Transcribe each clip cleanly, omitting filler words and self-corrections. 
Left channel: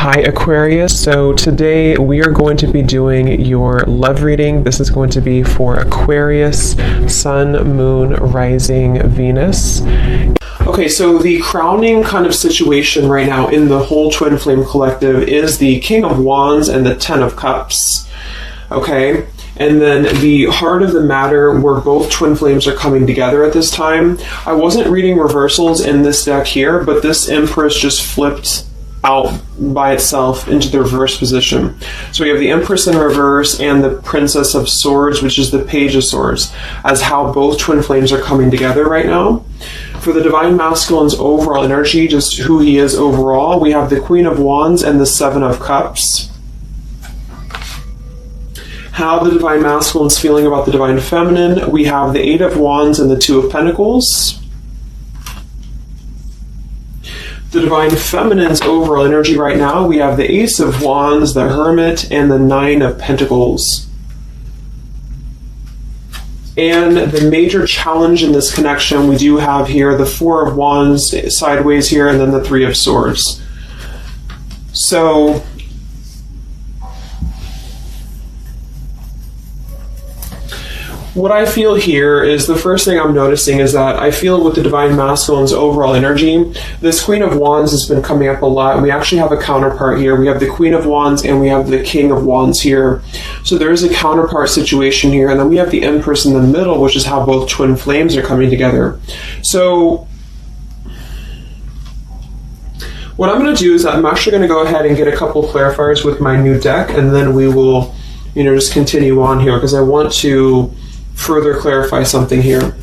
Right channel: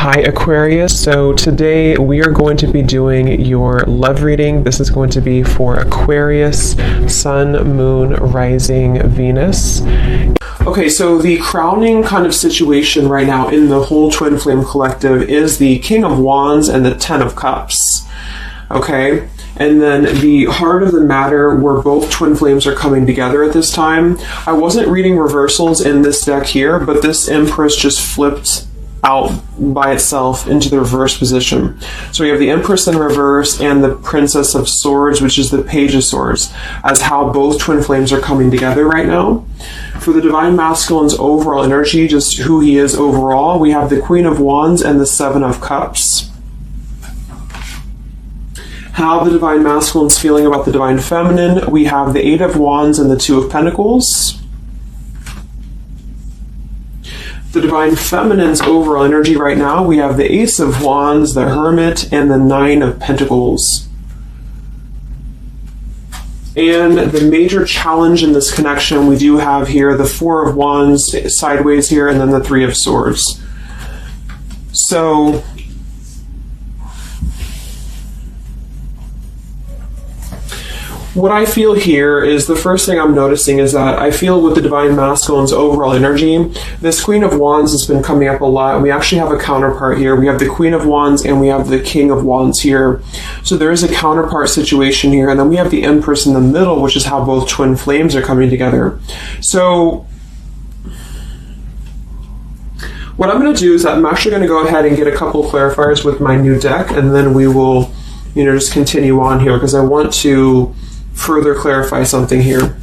Hi Aquarius, so today we are going to be doing your love reading. This is going to be for Aquarius, Sun, Moon, Rising, Venus. Okay, so the crowning kind of situation right now in the whole Twin Flame Collective is the King of Wands and the Ten of Cups. Okay, and then the heart of the matter where both twin flames are coming together at this time. I wasn't reading reversals in this deck here, but this Empress just flipped out by itself into the reverse position. So we have the Empress in reverse and the Princess of Swords, which is the Page of Swords, as how both twin flames are coming together right now. For the Divine Masculine's overall energy, just who he is overall, we have the Queen of Wands and the Seven of Cups. How the Divine Masculine's feeling about the Divine Feminine, we have the Eight of Wands and the Two of Pentacles. The Divine Feminine's overall energy right now, we have the Ace of Wands, the Hermit, and the Nine of Pentacles. And the major challenge in this connection, we do have here the Four of Wands sideways here, and then the Three of Swords. So what I feel here is the first thing I'm noticing is that I feel with the Divine Masculine's overall energy, this Queen of Wands has been coming up a lot. We actually have a counterpart here. We have the Queen of Wands and we have the King of Wands here. So there is a counterpart situation here. And then we have the Empress in the middle, which is how both twin flames are coming together. So what I'm going to do is I'm actually going to go ahead and get a couple clarifiers with my new deck, and then we will, just continue on here because I want to further clarify something here.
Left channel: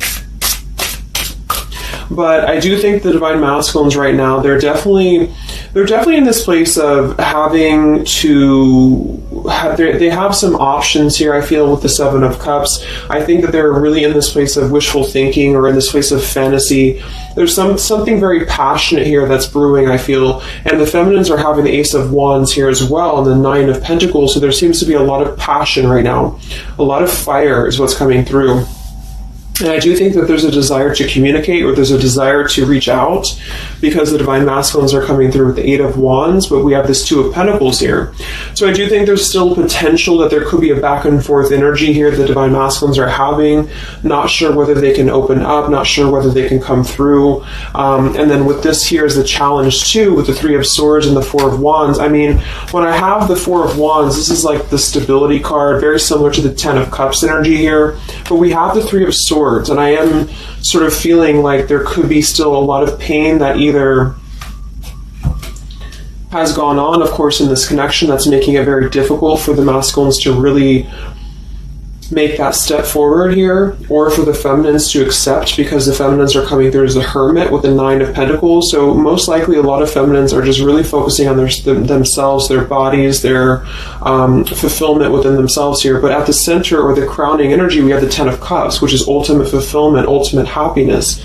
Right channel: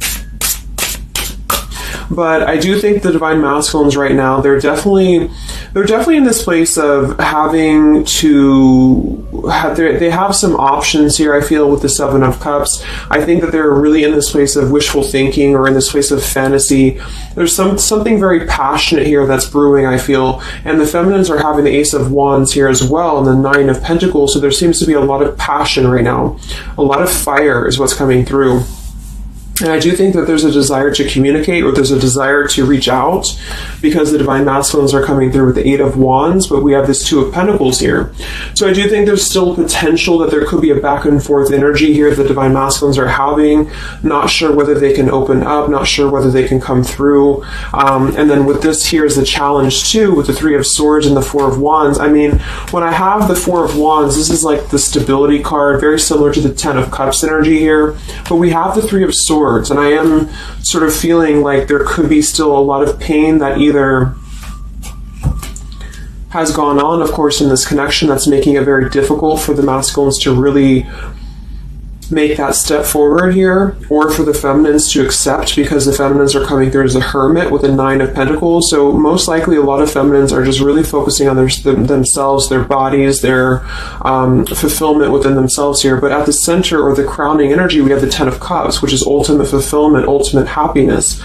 But I do think the Divine Masculines right now, they're definitely in this place of having to have, they have some options here, I feel, with the Seven of Cups. I think that they're really in this place of wishful thinking or in this place of fantasy. There's something very passionate here that's brewing, I feel. And the Feminines are having the Ace of Wands here as well and the Nine of Pentacles. So there seems to be a lot of passion right now. A lot of fire is what's coming through. And I do think that there's a desire to communicate, or there's a desire to reach out, because the Divine Masculines are coming through with the Eight of Wands, but we have this Two of Pentacles here. So I do think there's still potential that there could be a back and forth energy here the Divine Masculines are having. Not sure whether they can open up, not sure whether they can come through. And then with this here is the challenge too, with the Three of Swords and the Four of Wands. I mean, when I have the Four of Wands, this is like the stability card, very similar to the Ten of Cups energy here. But we have the Three of Swords. And I am sort of feeling like there could be still a lot of pain that either has gone on, of course, in this connection that's making it very difficult for the masculines to really make that step forward here, or for the feminines to accept, because the feminines are coming through as the Hermit with the Nine of Pentacles. So most likely a lot of feminines are just really focusing on themselves, their bodies, their fulfillment within themselves here. But at the center, or the crowning energy, we have the Ten of Cups, which is ultimate fulfillment, ultimate happiness.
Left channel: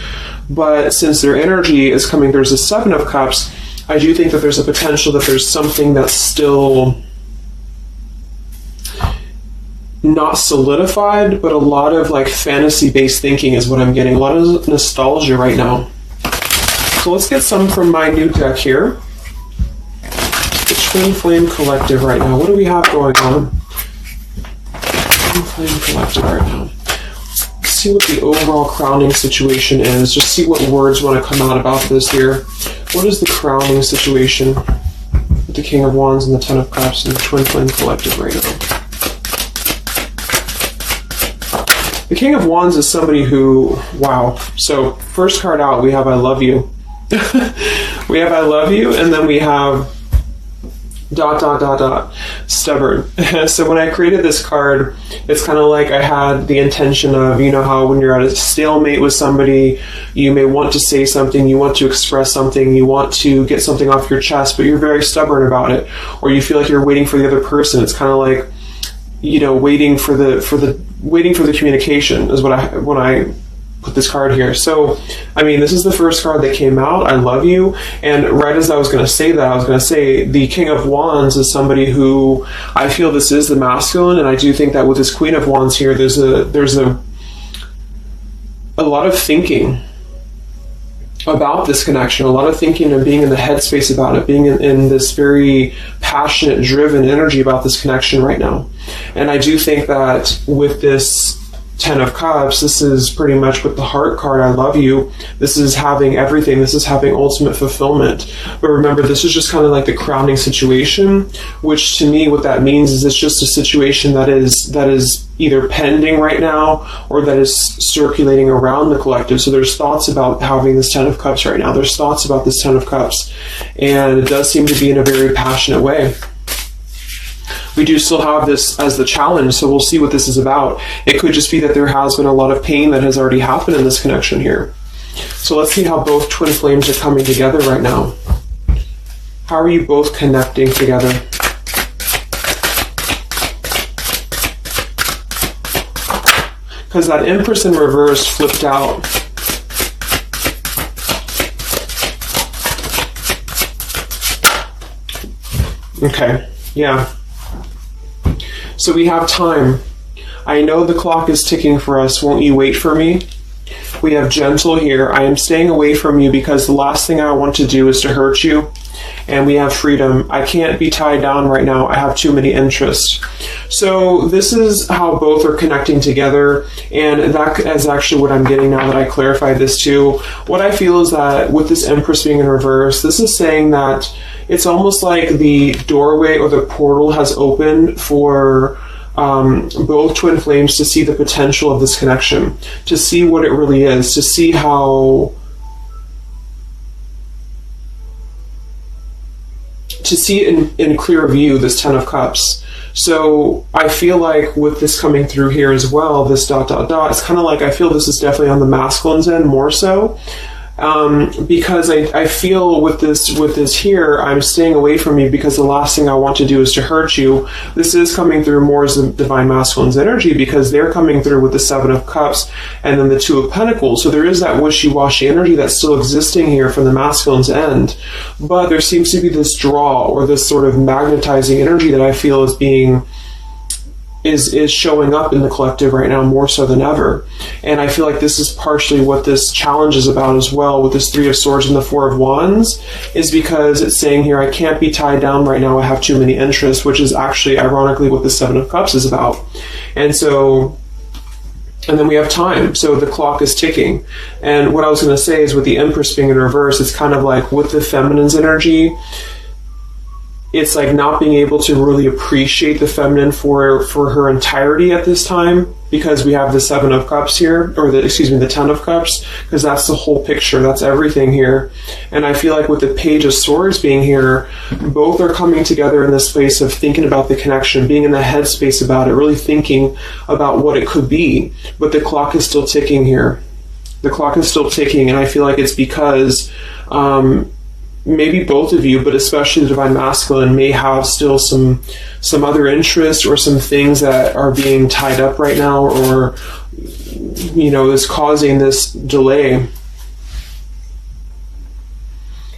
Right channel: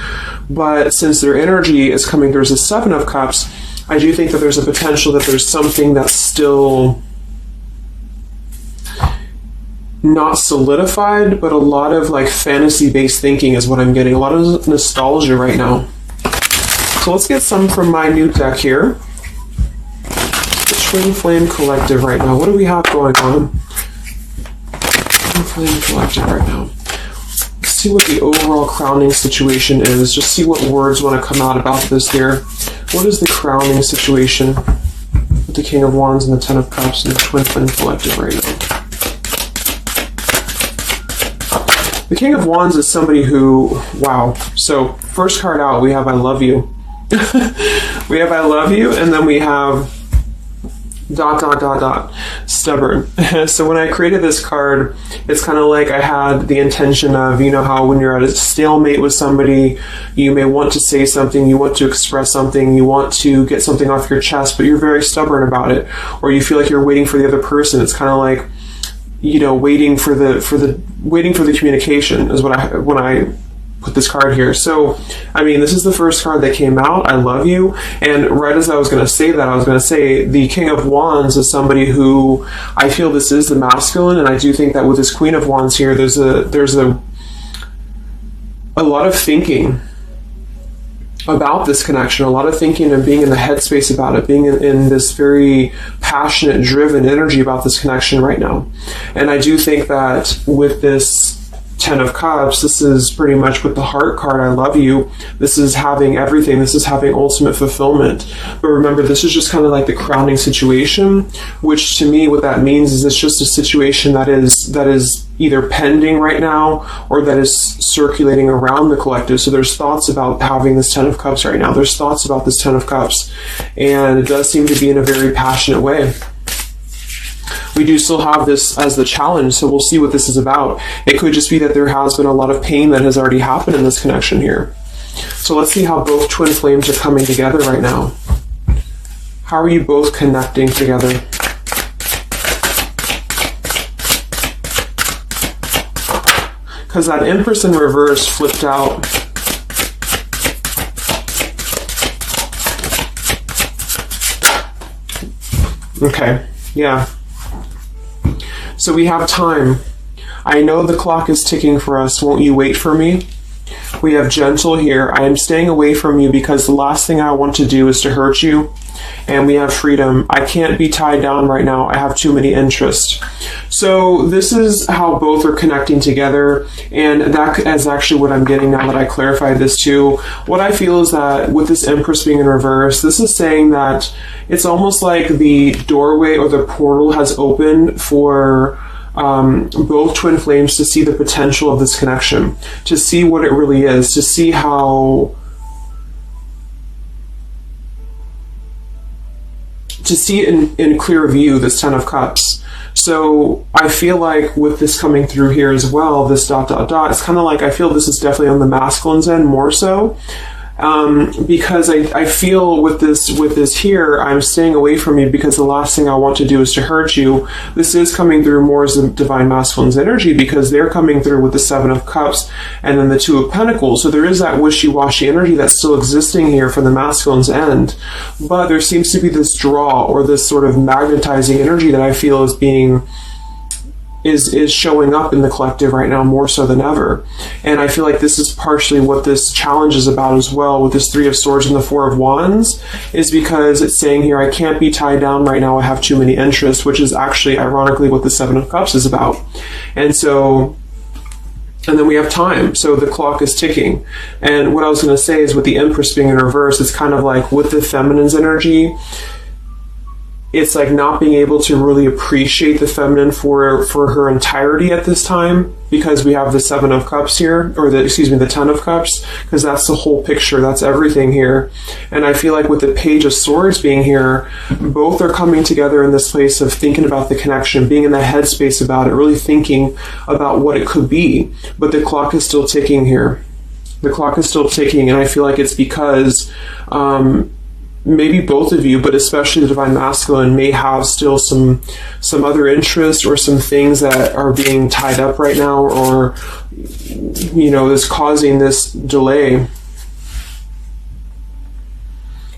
But since their energy is coming through as the Seven of Cups, I do think that there's a potential that there's something that's still not solidified, but a lot of like fantasy-based thinking is what I'm getting. A lot of nostalgia right now. So let's get some from my new deck here. The Twin Flame Collective right now. What do we have going on? Twin Flame Collective right now. Let's see what the overall crowning situation is. Just see what words want to come out about this here. What is the crowning situation with the King of Wands and the Ten of Cups and the Twin Flame Collective right now? The King of Wands is somebody who, wow. So first card out, we have I love you. We have I love you, and then we have ... stubborn. So when I created this card, it's kind of like I had the intention of, how when you're at a stalemate with somebody, you may want to say something, you want to express something, you want to get something off your chest, but you're very stubborn about it, or you feel like you're waiting for the other person. It's kind of like, waiting for the communication is when I put this card here. So, I mean, this is the first card that came out, I love you, and right as I was going to say that, I was going to say the King of Wands is somebody who I feel this is the masculine, and I do think that with this Queen of Wands here, there's a lot of thinking about this connection, a lot of thinking and being in the headspace about it, being in this very passionate, driven energy about this connection right now. And I do think that with this Ten of Cups, this is pretty much with the heart card, I love you. This is having everything. This is having ultimate fulfillment. But remember, this is just kind of like the crowning situation, which to me, what that means is it's just a situation that is either pending right now or that is circulating around the collective. So there's thoughts about having this Ten of Cups right now. There's thoughts about this Ten of Cups. And it does seem to be in a very passionate way. We do still have this as the challenge, so we'll see what this is about. It could just be that there has been a lot of pain that has already happened in this connection here. So let's see how both twin flames are coming together right now. How are you both connecting together? Because that Empress in reverse flipped out. Okay, yeah. So we have time. I know the clock is ticking for us. Won't you wait for me? We have gentle here. I am staying away from you because the last thing I want to do is to hurt you. And we have freedom. I can't be tied down right now. I have too many interests. So this is how both are connecting together. And that is actually what I'm getting now that I clarified this too. What I feel is that with this Empress being in reverse, this is saying that it's almost like the doorway or the portal has opened for both twin flames to see the potential of this connection, to see what it really is, to see how, to see it in clear view, this Ten of Cups. So I feel like with this coming through here as well, this ... it's kind of like I feel this is definitely on the masculine's end more so. Because I feel with this here, I'm staying away from you because the last thing I want to do is to hurt you. This is coming through more as the Divine Masculine's energy because they're coming through with the Seven of Cups and then the Two of Pentacles. So there is that wishy-washy energy that's still existing here from the masculine's end. But there seems to be this draw or this sort of magnetizing energy that I feel is being is showing up in the collective right now more so than ever. And I feel like this is partially what this challenge is about as well with this Three of Swords and the Four of Wands, is because it's saying here, I can't be tied down right now, I have too many interests, which is actually ironically what the Seven of Cups is about. And then we have time. So the clock is ticking. And what I was going to say is with the Empress being in reverse, it's kind of like with the feminine's energy, it's like not being able to really appreciate the feminine for her entirety at this time, because we have the Seven of Cups here, or the Ten of Cups, because that's the whole picture, that's everything here. And I feel like with the Page of Swords being here, both are coming together in this place of thinking about the connection, being in that headspace about it, really thinking about what it could be. But the clock is still ticking here. The clock is still ticking, and I feel like it's because maybe both of you, but especially the Divine Masculine, may have still some other interests or some things that are being tied up right now, or is causing this delay.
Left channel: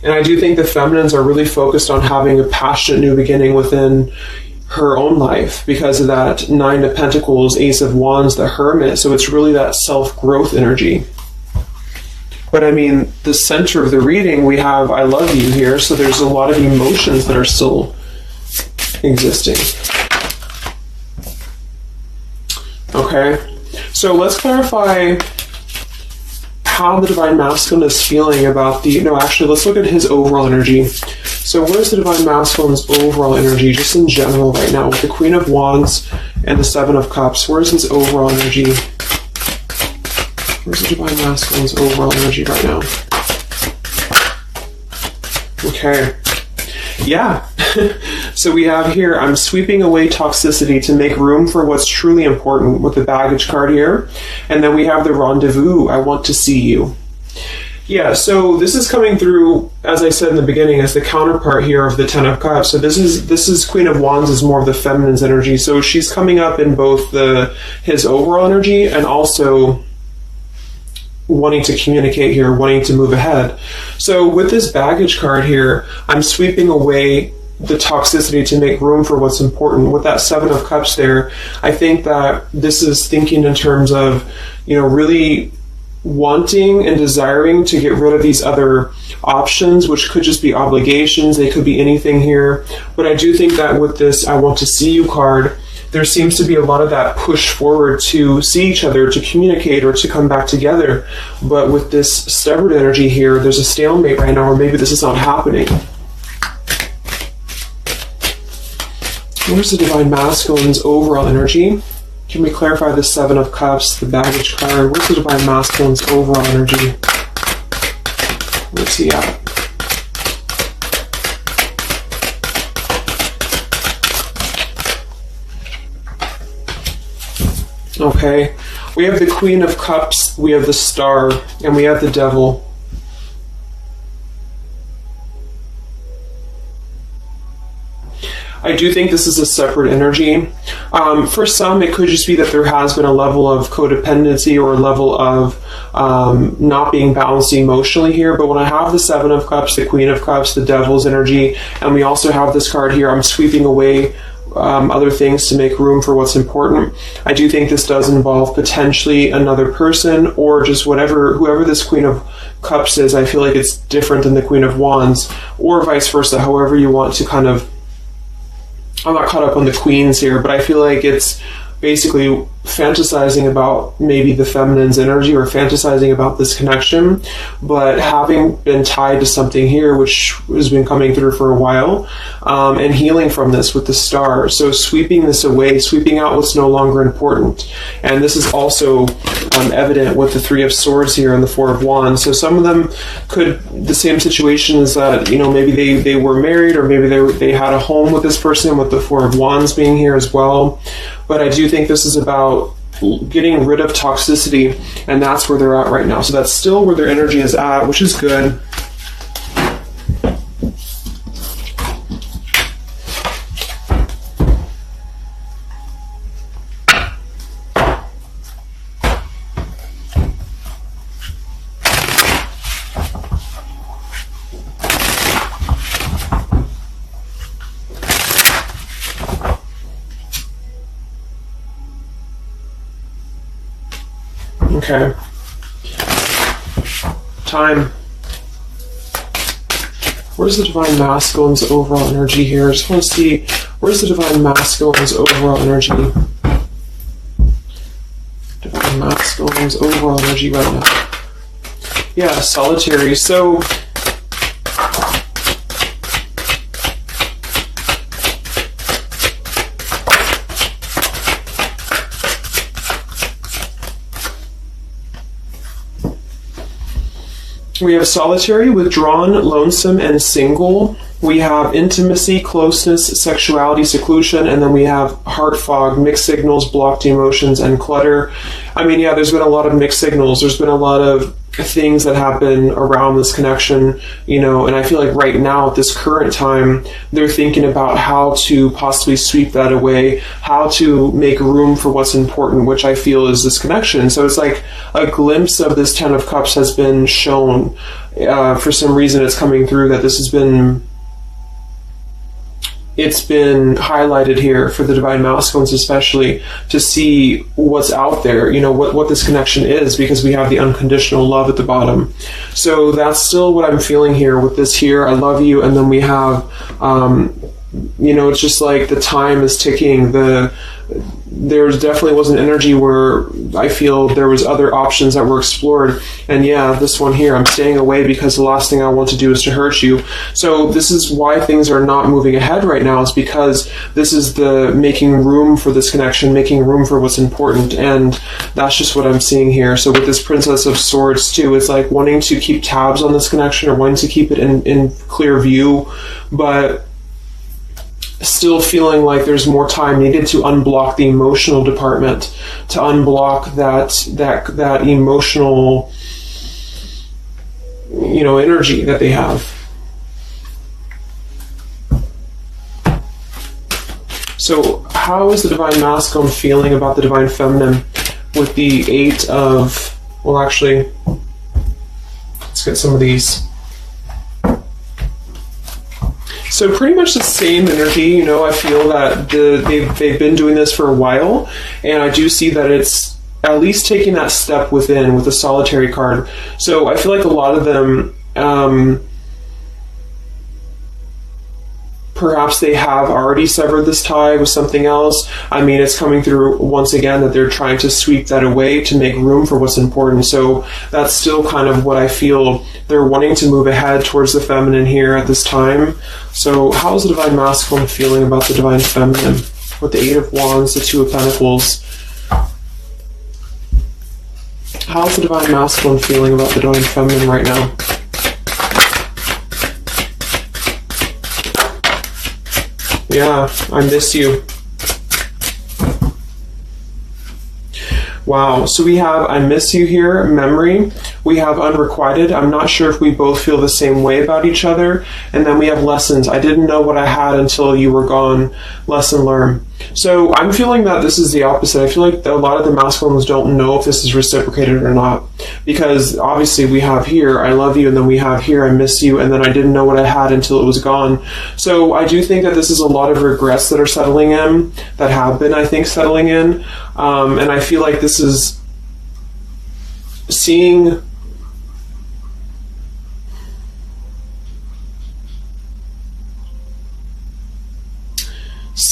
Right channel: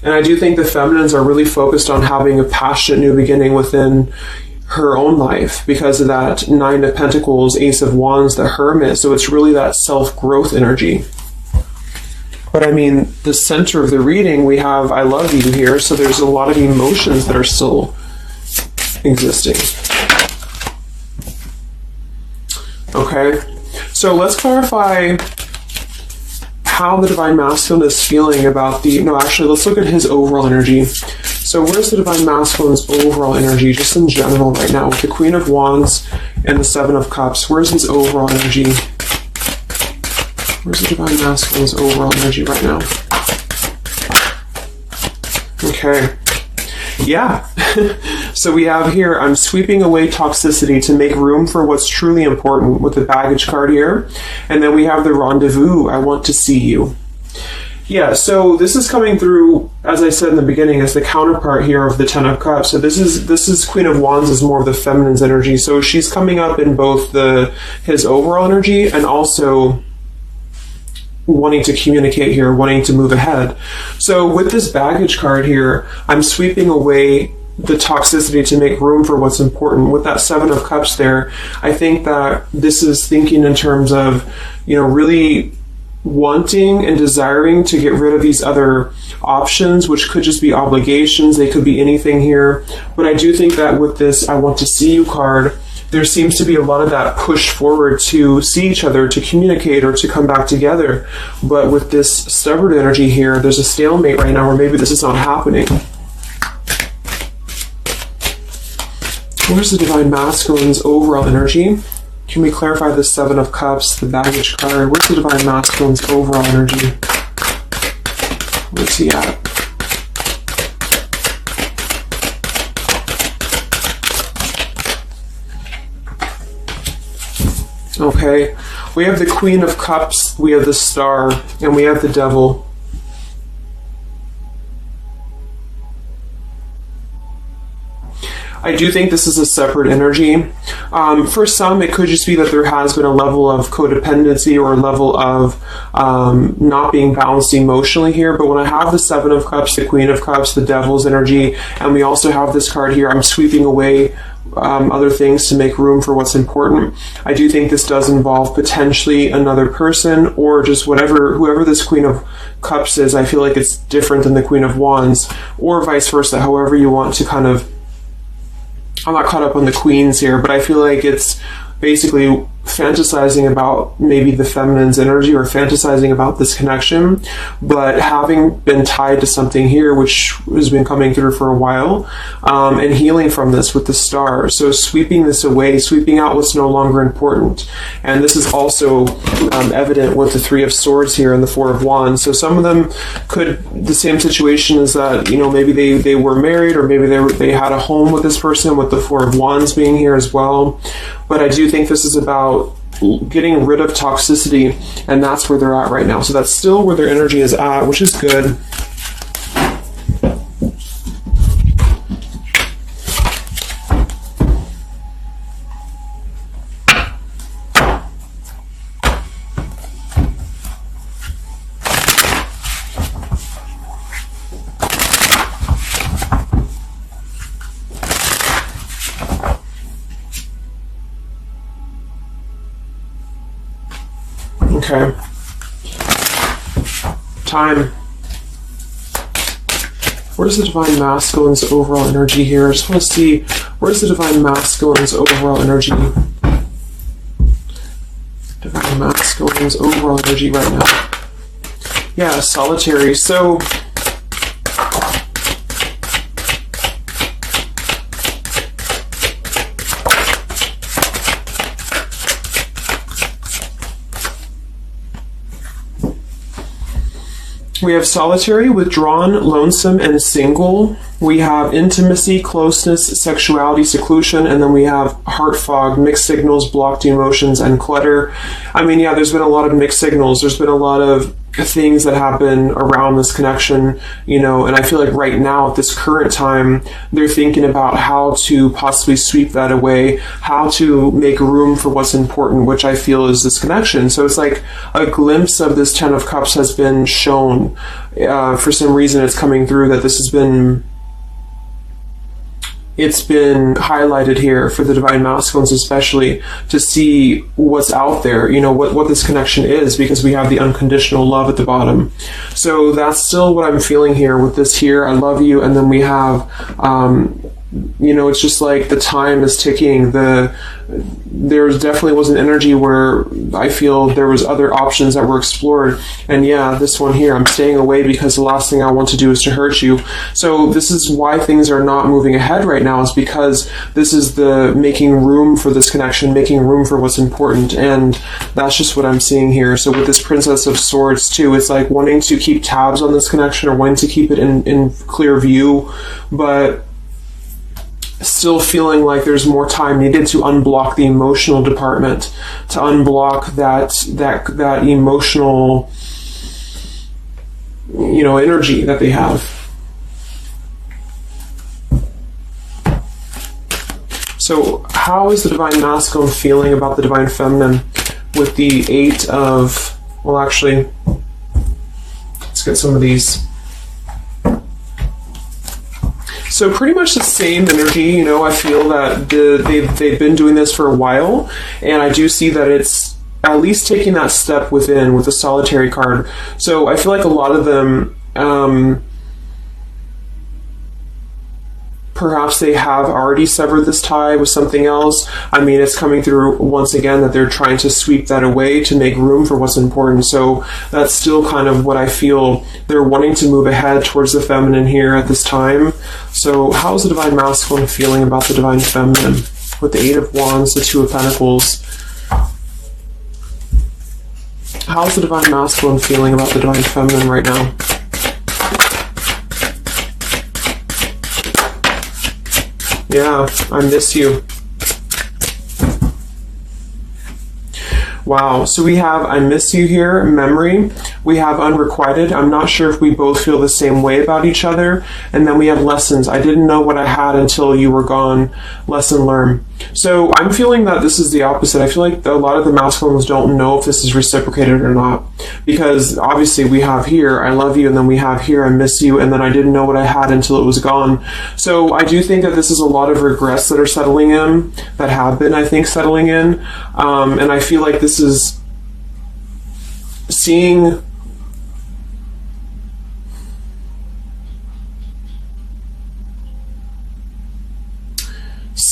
And I do think the feminines are really focused on having a passionate new beginning within her own life because of that Nine of Pentacles, Ace of Wands, the Hermit. So it's really that self-growth energy. But I mean, the center of the reading, we have I love you here, so there's a lot of emotions that are still existing. Okay, so let's clarify how the Divine Masculine is feeling about let's look at his overall energy. So where's the Divine Masculine's overall energy, just in general right now, with the Queen of Wands and the Seven of Cups? Where's his overall energy? Where's the Divine Masculine's overall energy right now? Okay. Yeah. So we have here, I'm sweeping away toxicity to make room for what's truly important, with the Baggage card here. And then we have the Rendezvous, I want to see you. Yeah, so this is coming through, as I said in the beginning, as the counterpart here of the Ten of Cups. So this is Queen of Wands is more of the feminine's energy. So she's coming up in both his overall energy and also wanting to communicate here, wanting to move ahead. So with this Baggage card here, I'm sweeping away the toxicity to make room for what's important. With that Seven of Cups there, I think that this is thinking in terms of, really wanting and desiring to get rid of these other options, which could just be obligations. They could be anything here. But I do think that with this I want to see you card, there seems to be a lot of that push forward to see each other, to communicate, or to come back together. But with this stubborn energy here, there's a stalemate right now, or maybe this is not happening. Where's the Divine Masculine's overall energy? Can we clarify the Seven of Cups, the baggage card? Where's the Divine Masculine's overall energy? Where's he at? Okay, we have the Queen of Cups, we have the Star, and we have the Devil. I do think this is a separate energy. For some, it could just be that there has been a level of codependency or a level of not being balanced emotionally here. But when I have the Seven of Cups, the Queen of Cups, the Devil's energy, and we also have this card here, I'm sweeping away other things to make room for what's important. I do think this does involve potentially another person, or just whoever this Queen of Cups is. I feel like it's different than the Queen of Wands, or vice versa, however you want to kind of. I'm not caught up on the queens here, but I feel like it's basically fantasizing about maybe the feminine's energy, or fantasizing about this connection, but having been tied to something here which has been coming through for a while, and healing from this with the Star. So sweeping this away, sweeping out what's no longer important. And this is also evident with the Three of Swords here and the Four of Wands. So some of them could, the same situation is that, you know, maybe they were married, or maybe they had a home with this person, with the Four of Wands being here as well. But I do think this is about getting rid of toxicity, and that's where they're at right now. So that's still where their energy is at, which is good. Okay. Time. Where's the Divine Masculine's overall energy here? I just want to see, where's the Divine Masculine's overall energy? Divine Masculine's overall energy right now. Yeah, Solitary. So we have Solitary, Withdrawn, Lonesome, and Single. We have Intimacy, Closeness, Sexuality, Seclusion, and then we have Heart Fog, Mixed Signals, Blocked Emotions, and Clutter. I mean, yeah, there's been a lot of mixed signals. There's been a lot of things that happen around this connection, you know, and I feel like right now at this current time, they're thinking about how to possibly sweep that away, how to make room for what's important, which I feel is this connection. So it's like a glimpse of this Ten of Cups has been shown. For some reason it's coming through that this has been, it's been highlighted here for the Divine Masculines, especially to see what's out there, you know, what this connection is, because we have the unconditional love at the bottom. So that's still what I'm feeling here with this here. I love you. And then we have, you know, it's just like the time is ticking. There definitely was an energy where I feel there was other options that were explored. And yeah, this one here, I'm staying away because the last thing I want to do is to hurt you. So this is why things are not moving ahead right now, is because this is the making room for this connection, making room for what's important. And that's just what I'm seeing here. So with this Princess of Swords too, it's like wanting to keep tabs on this connection, or wanting to keep it in clear view, but still feeling like there's more time needed to unblock the emotional department, to unblock that emotional, you know, energy that they have. So how is the Divine Masculine feeling about the Divine Feminine with the Eight of, well, actually, let's get some of these. So pretty much the same energy, you know. I feel that they've been doing this for a while, and I do see that it's at least taking that step within with the solitary card. So I feel like a lot of them, perhaps they have already severed this tie with something else. I mean, it's coming through once again that they're trying to sweep that away to make room for what's important. So that's still kind of what I feel. They're wanting to move ahead towards the feminine here at this time. So how's the Divine Masculine feeling about the Divine Feminine? With the Eight of Wands, the Two of Pentacles. How's the Divine Masculine feeling about the Divine Feminine right now? Yeah, I miss you. Wow, so we have I miss you here, memory. We have unrequited. I'm not sure if we both feel the same way about each other. And then we have lessons. I didn't know what I had until you were gone. Lesson learned. So I'm feeling that this is the opposite. I feel like a lot of the masculines don't know if this is reciprocated or not. Because obviously we have here, I love you, and then we have here, I miss you, and then I didn't know what I had until it was gone. So I do think that this is a lot of regrets that are settling in, that have been, I think, settling in. And I feel like this is seeing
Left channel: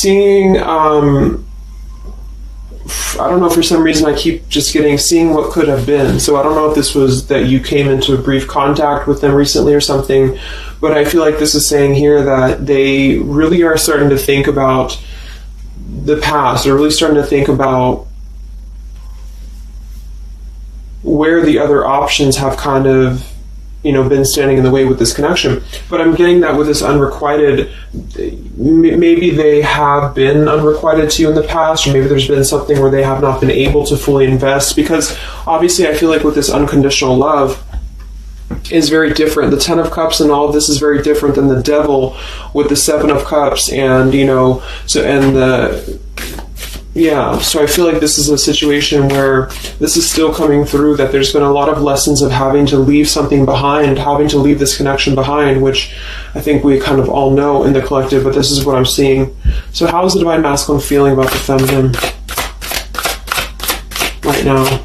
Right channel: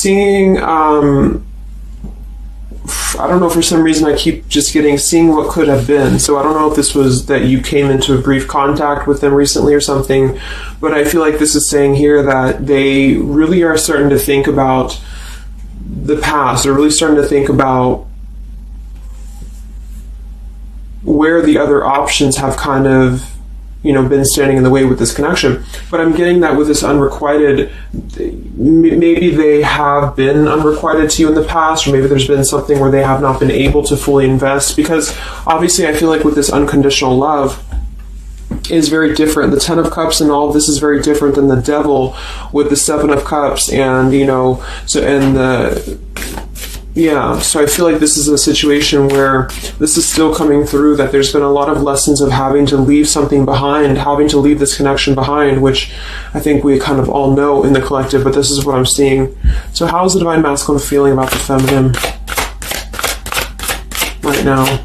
I don't know, for some reason I keep just seeing what could have been. So I don't know if this was that you came into a brief contact with them recently or something, but I feel like this is saying here that they really are starting to think about the past. They're really starting to think about where the other options have kind of, been standing in the way with this connection. But I'm getting that with this unrequited, maybe they have been unrequited to you in the past, or maybe there's been something where they have not been able to fully invest, because obviously I feel like with this unconditional love is very different. The Ten of Cups and all of this is very different than the Devil with the Seven of Cups, and so I feel like this is a situation where this is still coming through, that there's been a lot of lessons of having to leave something behind, having to leave this connection behind, which I think we kind of all know in the collective, but this is what I'm seeing. So how is the Divine Masculine feeling about the feminine right now?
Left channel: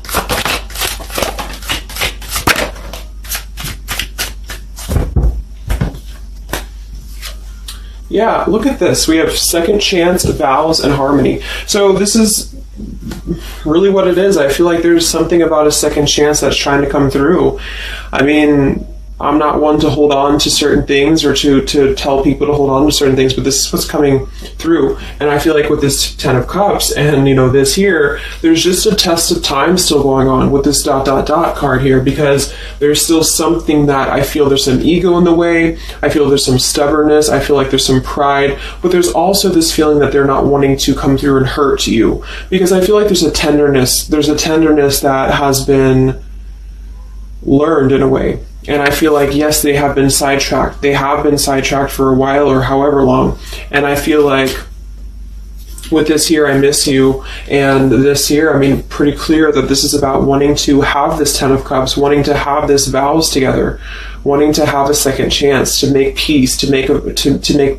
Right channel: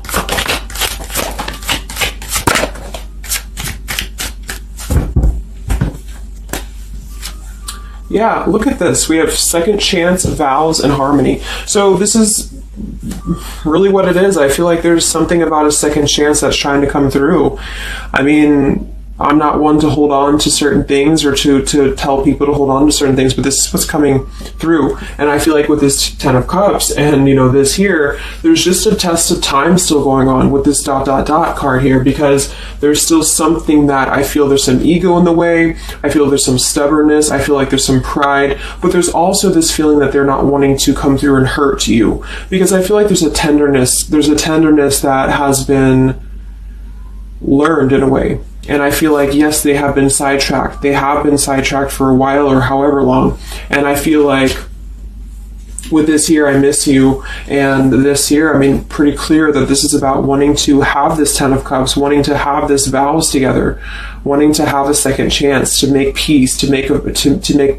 Yeah, look at this. We have second chance, vows, and harmony. So this is really what it is. I feel like there's something about a second chance that's trying to come through. I mean, I'm not one to hold on to certain things or to tell people to hold on to certain things, but this is what's coming through. And I feel like with this Ten of Cups and, this here, there's just a test of time still going on with this ... card here, because there's still something that I feel there's some ego in the way. I feel there's some stubbornness. I feel like there's some pride, but there's also this feeling that they're not wanting to come through and hurt you, because I feel like there's a tenderness that has been learned in a way. And I feel like, yes, they have been sidetracked. They have been sidetracked for a while or however long. And I feel like with this here, I miss you, and this here, pretty clear that this is about wanting to have this Ten of Cups, wanting to have this vows together, wanting to have a second chance to make peace, to make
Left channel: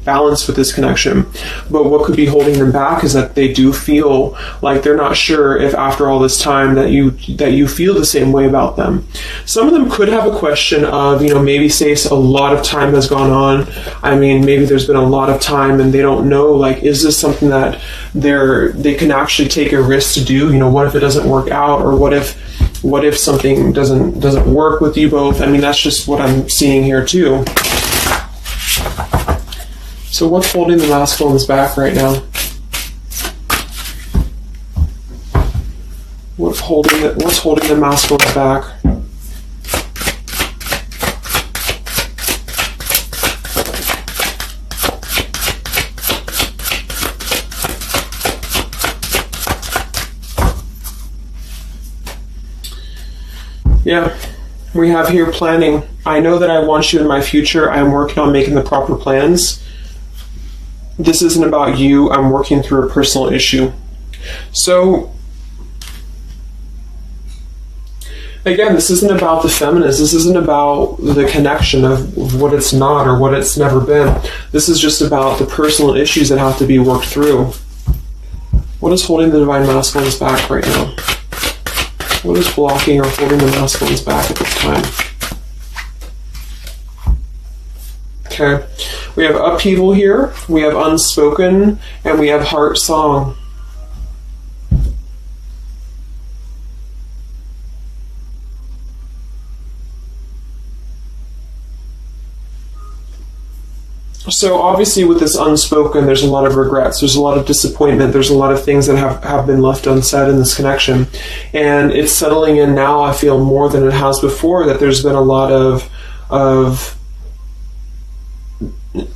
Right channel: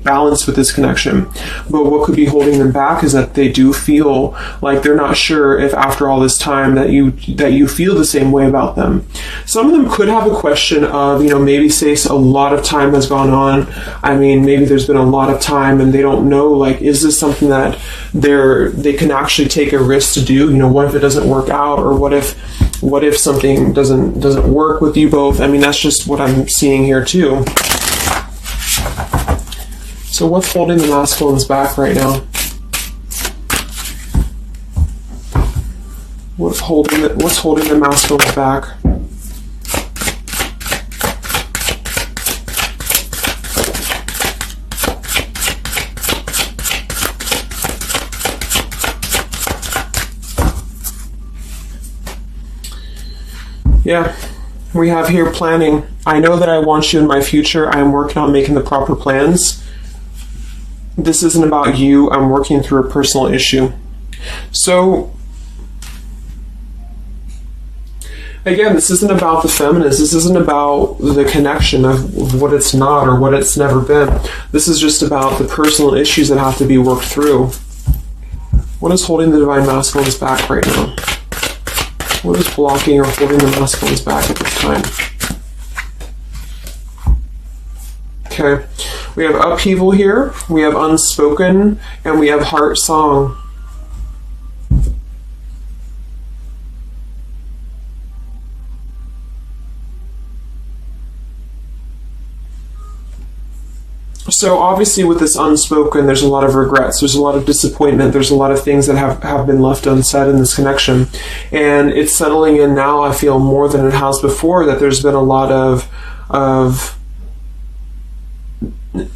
balance with this connection. But what could be holding them back is that they do feel like they're not sure if after all this time that you feel the same way about them. Some of them could have a question of, maybe say a lot of time has gone on. Maybe there's been a lot of time and they don't know, is this something that they can actually take a risk to do? What if it doesn't work out, or what if something doesn't work with you both? That's just what I'm seeing here too. So what's holding the masculines back right now? What's holding the masculines back? Yeah, we have here planning. I know that I want you in my future. I'm working on making the proper plans. This isn't about you. I'm working through a personal issue. So, again, this isn't about the feminist. This isn't about the connection of what it's not or what it's never been. This is just about the personal issues that have to be worked through. What is holding the Divine Masculines back right now? What is blocking or holding the masculines back at this time? Okay, we have upheaval here, we have unspoken, and we have heart song. So obviously with this unspoken, there's a lot of regrets, there's a lot of disappointment, there's a lot of things that have been left unsaid in this connection. And it's settling in now, I feel, more than it has before, that there's been a lot of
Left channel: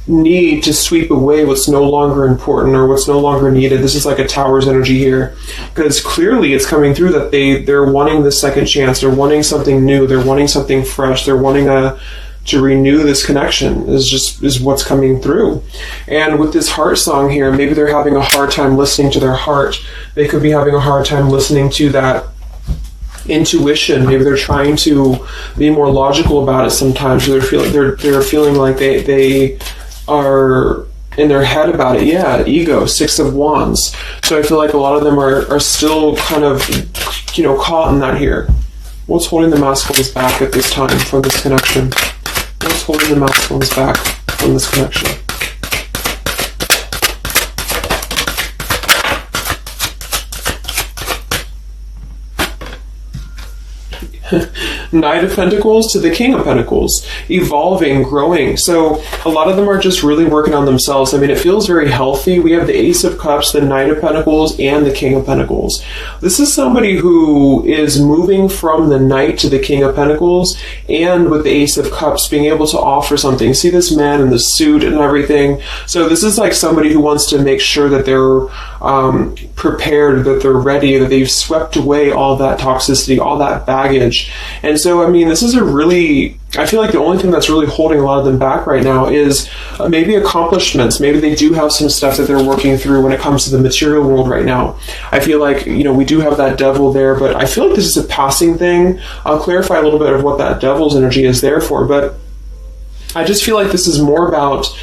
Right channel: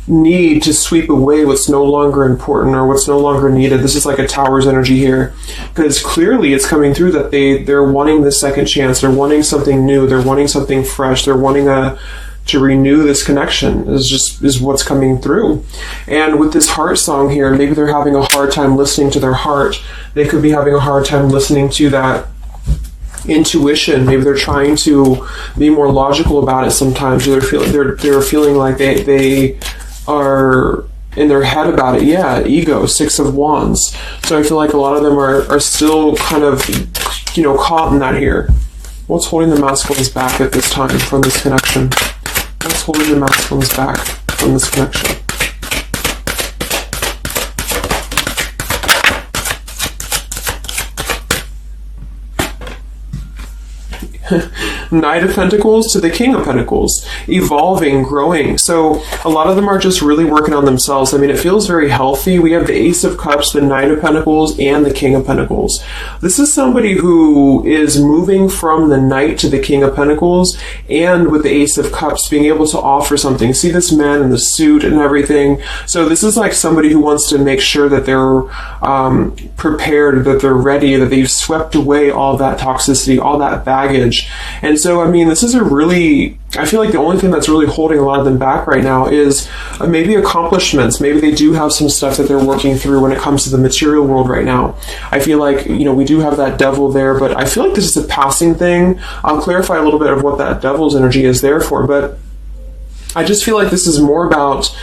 need to sweep away what's no longer important or what's no longer needed. This is like a tower's energy here, because clearly it's coming through that they're wanting the second chance, they're wanting something new, they're wanting something fresh, they're wanting to renew this connection is what's coming through. And with this heart song here, maybe they're having a hard time listening to their heart. They could be having a hard time listening to that intuition. Maybe they're trying to be more logical about it sometimes. They're feeling like they are in their head about it. Yeah, ego, 6 of Wands. So I feel like a lot of them are still kind of, caught in that here. What's holding the masculines back at this time from this connection? What's holding the masculines back from this connection? Knight of Pentacles to the King of Pentacles, evolving, growing. So a lot of them are just really working on themselves. I mean, it feels very healthy. We have the Ace of Cups, the Knight of Pentacles, and the King of Pentacles. This is somebody who is moving from the Knight to the King of Pentacles, and with the Ace of Cups, being able to offer something. See this man in the suit and everything. So this is like somebody who wants to make sure that they're prepared, that they're ready, that they've swept away all that toxicity, all that baggage. And so, I mean, this is I feel like the only thing that's really holding a lot of them back right now is maybe accomplishments. Maybe they do have some stuff that they're working through when it comes to the material world right now. I feel like, we do have that devil there, but I feel like this is a passing thing. I'll clarify a little bit of what that devil's energy is there for, but I just feel like this is more about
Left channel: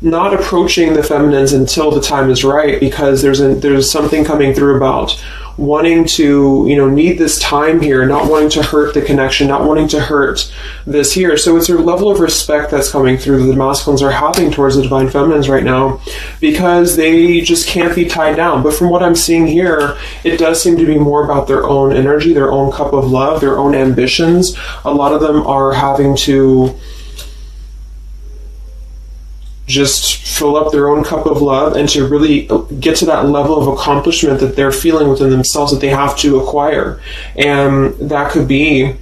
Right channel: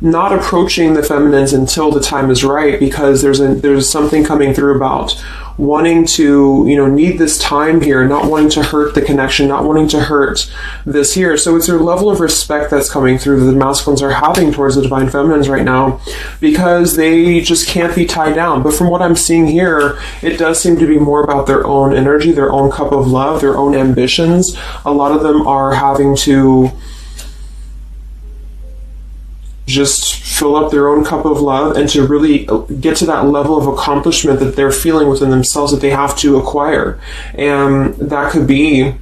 not approaching the feminines until the time is right, because there's something coming through about wanting to, need this time here, not wanting to hurt the connection, not wanting to hurt this here. So it's a level of respect that's coming through that the masculines are having towards the divine feminines right now, because they just can't be tied down. But from what I'm seeing here, it does seem to be more about their own energy, their own cup of love, their own ambitions. A lot of them are having to just fill up their own cup of love and to really get to that level of accomplishment that they're feeling within themselves that they have to acquire. And that could be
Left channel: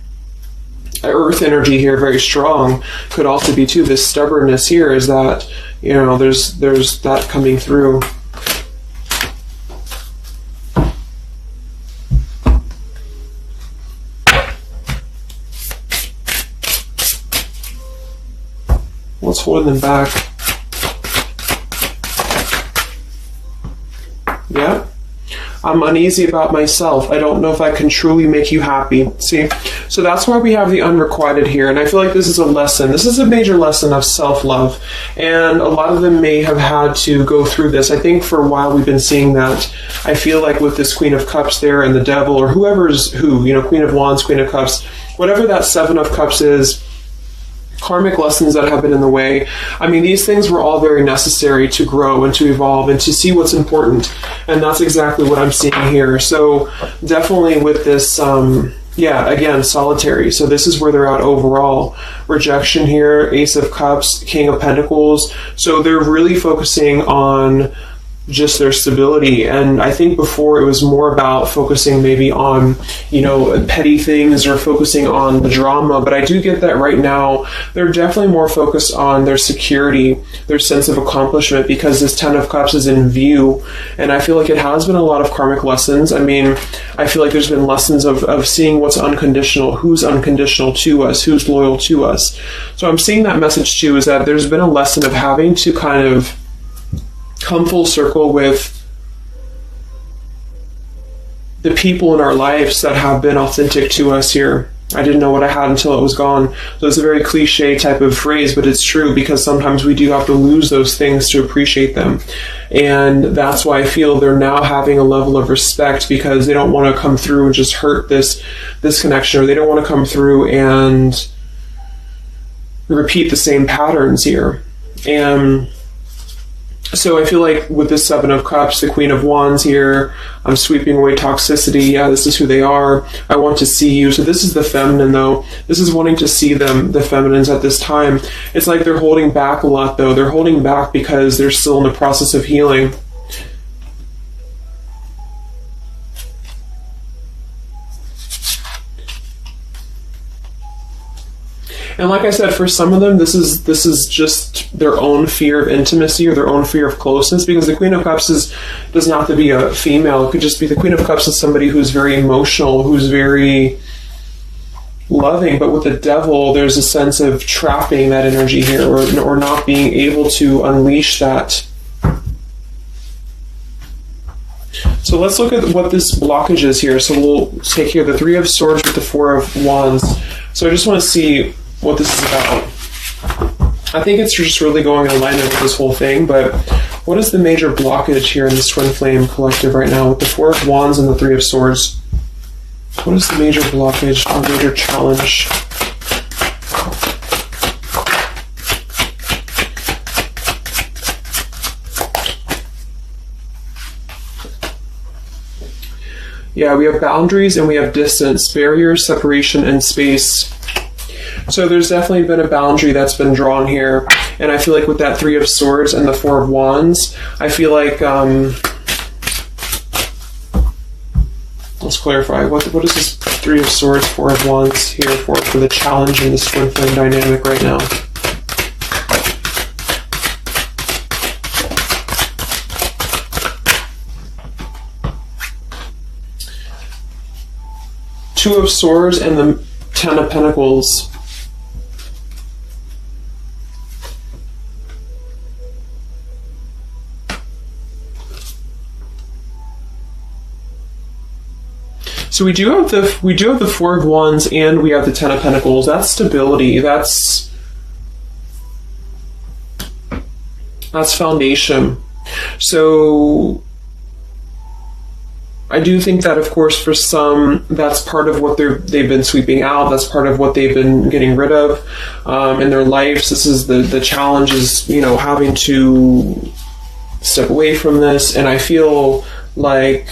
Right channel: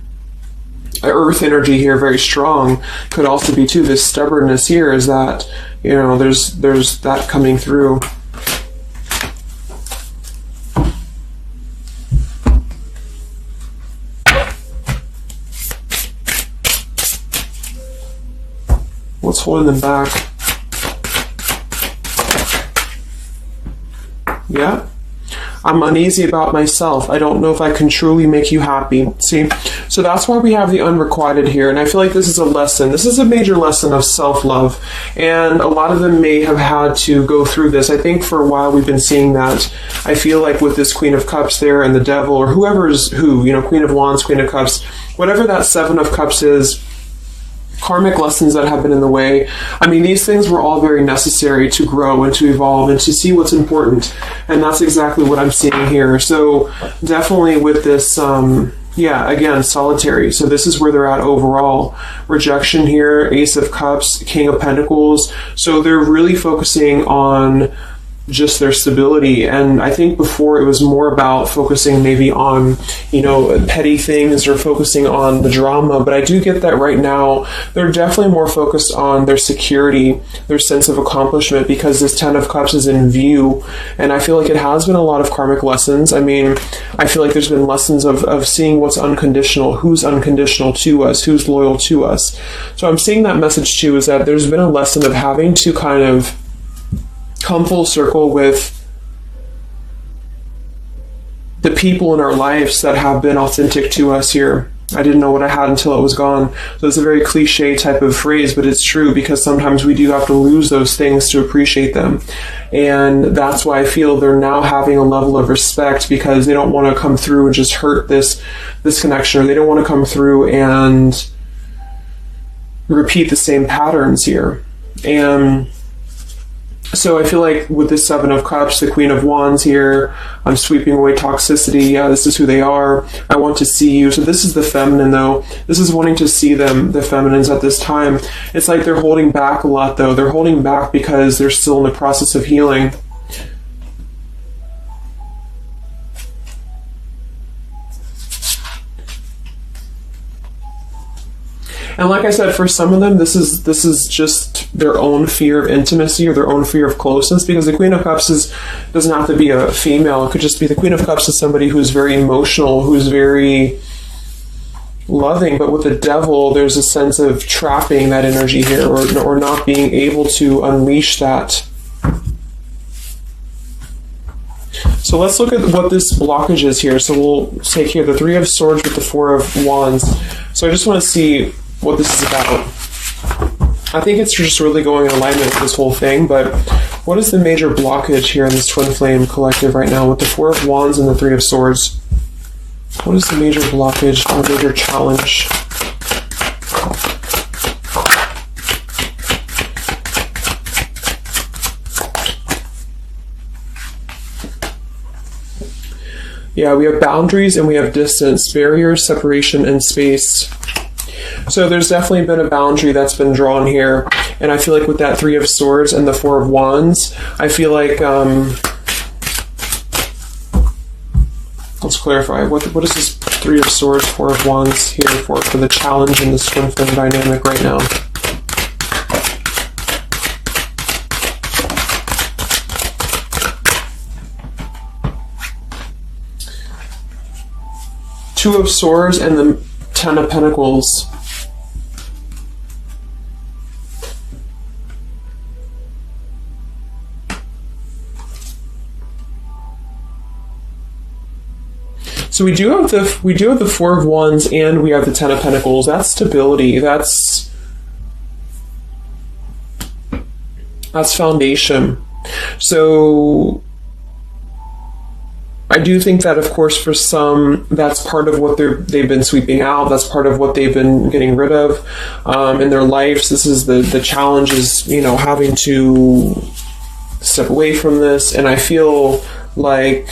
earth energy here, very strong. Could also be too this stubbornness here, is that there's that coming through. What's holding them back? Yeah, I'm uneasy about myself. I don't know if I can truly make you happy. See, so that's why we have the unrequited here. And I feel like this is a lesson. This is a major lesson of self-love. And a lot of them may have had to go through this. I think for a while we've been seeing that. I feel like with this Queen of Cups there and the Devil, or whoever's who, Queen of Wands, Queen of Cups, whatever that Seven of Cups is, karmic lessons that have been in the way. I mean, these things were all very necessary to grow and to evolve and to see what's important. And that's exactly what I'm seeing here. So definitely with this, again, solitary. So this is where they're at overall. Rejection here, Ace of Cups, King of Pentacles. So they're really focusing on just their stability. And I think before it was more about focusing maybe on, petty things or focusing on the drama. But I do get that right now they're definitely more focused on their security, their sense of accomplishment, because this Ten of Cups is in view. And I feel like it has been a lot of karmic lessons. I mean, I feel like there's been lessons of seeing what's unconditional, who's unconditional to us, who's loyal to us. So I'm seeing that message too, is that there's been a lesson of having to kind of come full circle with the people in our lives that have been authentic to us here. I didn't know what I had until it was gone. So it's a very cliche type of phrase, but it's true, because sometimes we do have to lose those things to appreciate them. And that's why I feel they're now having a level of respect, because they don't want to come through and just hurt this connection, or they don't want to come through and repeat the same patterns here. And so I feel like with this Seven of Cups, the Queen of Wands here, I'm sweeping away toxicity. Yeah, this is who they are. I want to see you. So this is the feminine, though. This is wanting to see them, the feminines at this time. It's like they're holding back a lot, though. They're holding back because they're still in the process of healing. And like I said, for some of them, this is just their own fear of intimacy, or their own fear of closeness, because the Queen of Cups doesn't have to be a female. It could just be the Queen of Cups is somebody who's very emotional, who's very loving. But with the Devil, there's a sense of trapping that energy here, or not being able to unleash that. So let's look at what this blockage is here. So we'll take here the Three of Swords with the Four of Wands. So I just want to see what this is about. I think it's just really going in alignment with this whole thing, but what is the major blockage here in this Twin Flame collective right now with the Four of Wands and the Three of Swords? What is the major blockage or major challenge? Yeah, we have boundaries and we have distance, barriers, separation, and space. So there's definitely been a boundary that's been drawn here. And I feel like with that Three of Swords and the Four of Wands, I feel like, let's clarify, what is this Three of Swords, Four of Wands here for the challenge in this Twin Flame dynamic right now? Two of Swords and the Ten of Pentacles. So we do have the Four of Wands and we have the Ten of Pentacles. That's stability. That's foundation. So I do think that, of course, for some, that's part of what they've been sweeping out. That's part of what they've been getting rid of in their lives. This is the challenge is, having to step away from this. And I feel like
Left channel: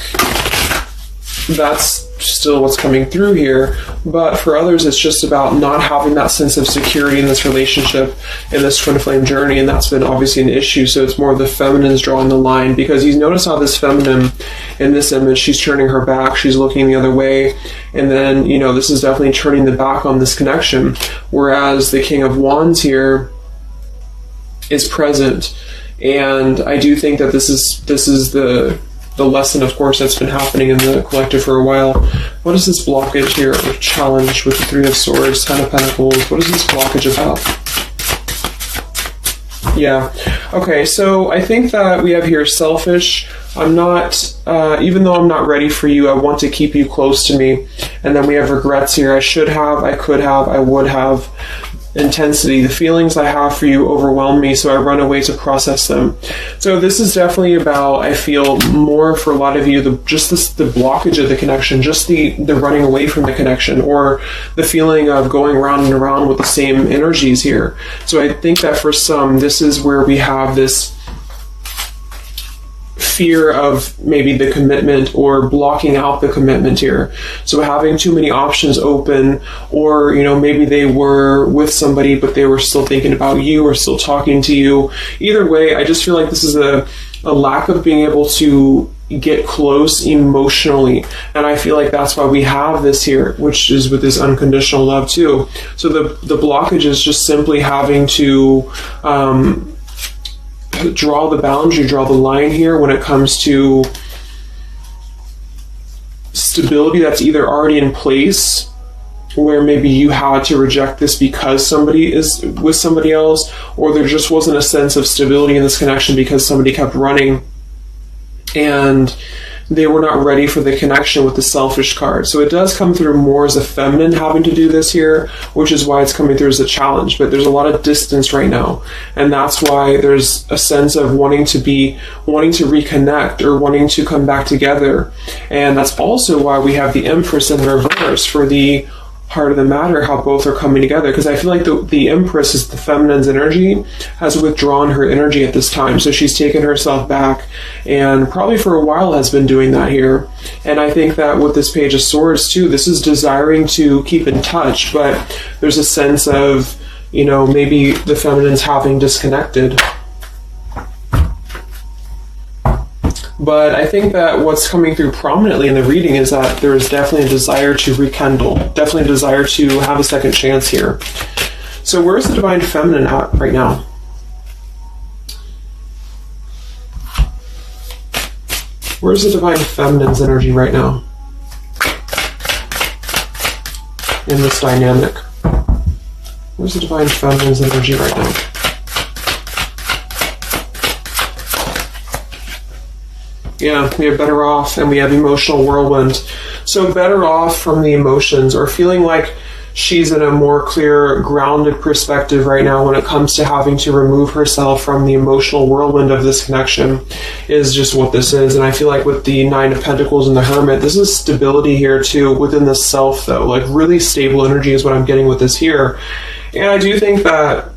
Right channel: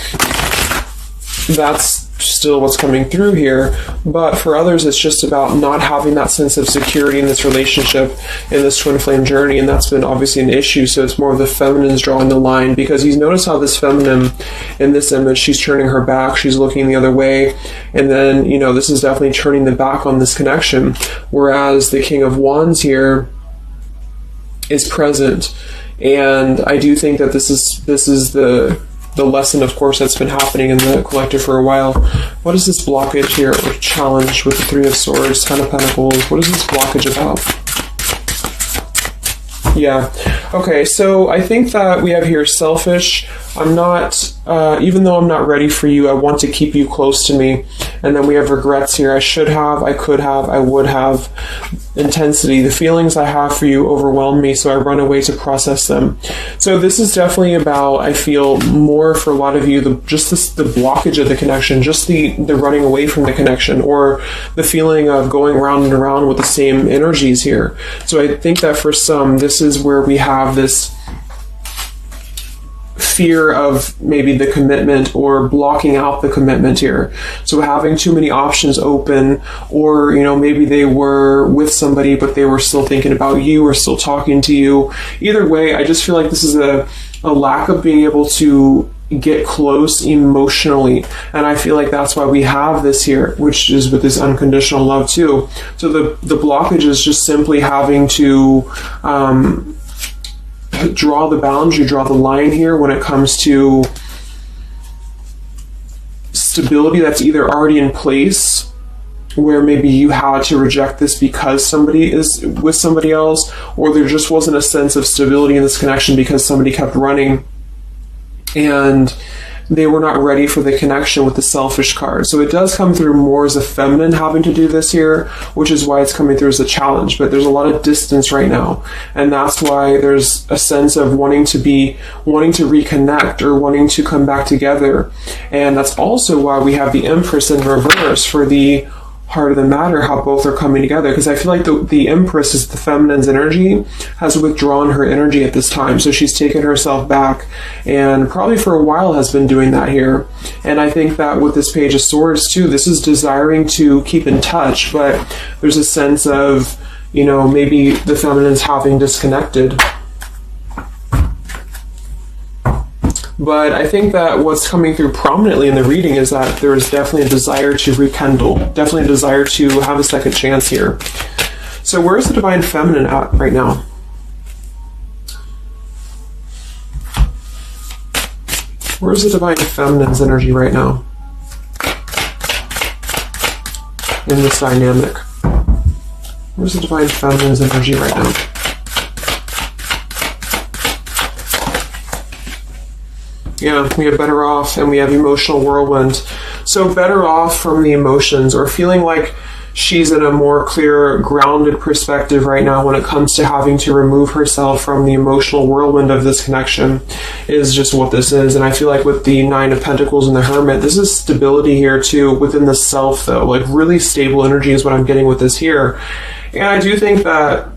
that's still what's coming through here. But for others, it's just about not having that sense of security in this relationship, in this Twin Flame journey, and that's been obviously an issue. So it's more of the feminine is drawing the line, because you notice how this feminine in this image, she's turning her back, she's looking the other way, and then, this is definitely turning the back on this connection, whereas the King of Wands here is present. And I do think that this is the lesson, of course, that's been happening in the collective for a while. What is this blockage here, or challenge with Three of Swords, Ten of Pentacles? What is this blockage about? Yeah. Okay, so I think that we have here selfish. I'm not, even though I'm not ready for you, I want to keep you close to me. And then we have regrets here. I should have, I could have, I would have. Intensity. The feelings I have for you overwhelm me, so I run away to process them. So this is definitely about, I feel, more for a lot of you, the blockage of the connection, just the running away from the connection, or the feeling of going around and around with the same energies here. So I think that for some, this is where we have this fear of maybe the commitment, or blocking out the commitment here. So having too many options open, or maybe they were with somebody but they were still thinking about you or still talking to you. Either way, I just feel like this is a lack of being able to get close emotionally, and I feel like that's why we have this here, which is with this unconditional love too. So the blockage is just simply having to draw the boundary, draw the line here when it comes to stability that's either already in place, where maybe you had to reject this because somebody is with somebody else, or there just wasn't a sense of stability in this connection because somebody kept running. And they were not ready for the connection with the selfish card. So it does come through more as a feminine having to do this here, which is why it's coming through as a challenge. But there's a lot of distance right now. And that's why there's a sense of wanting to reconnect or wanting to come back together. And that's also why we have the Empress in reverse for the heart of the matter, how both are coming together, because I feel like the Empress is the feminine's energy, has withdrawn her energy at this time, so she's taken herself back, and probably for a while has been doing that here. And I think that with this Page of Swords too, this is desiring to keep in touch, but there's a sense of, you know, maybe the feminine's having disconnected. But I think that what's coming through prominently in the reading is that there is definitely a desire to rekindle, definitely a desire to have a second chance here. So where's the Divine Feminine at right now? Where's the Divine Feminine's energy right now in this dynamic? Where's the Divine Feminine's energy right now? Yeah, we have Better Off and we have Emotional Whirlwind. So better off from the emotions, or feeling like she's in a more clear, grounded perspective right now when it comes to having to remove herself from the emotional whirlwind of this connection, is just what this is. And I feel like with the Nine of Pentacles and the Hermit, this is stability here too within the self though. Like really stable energy is what I'm getting with this here. And I do think that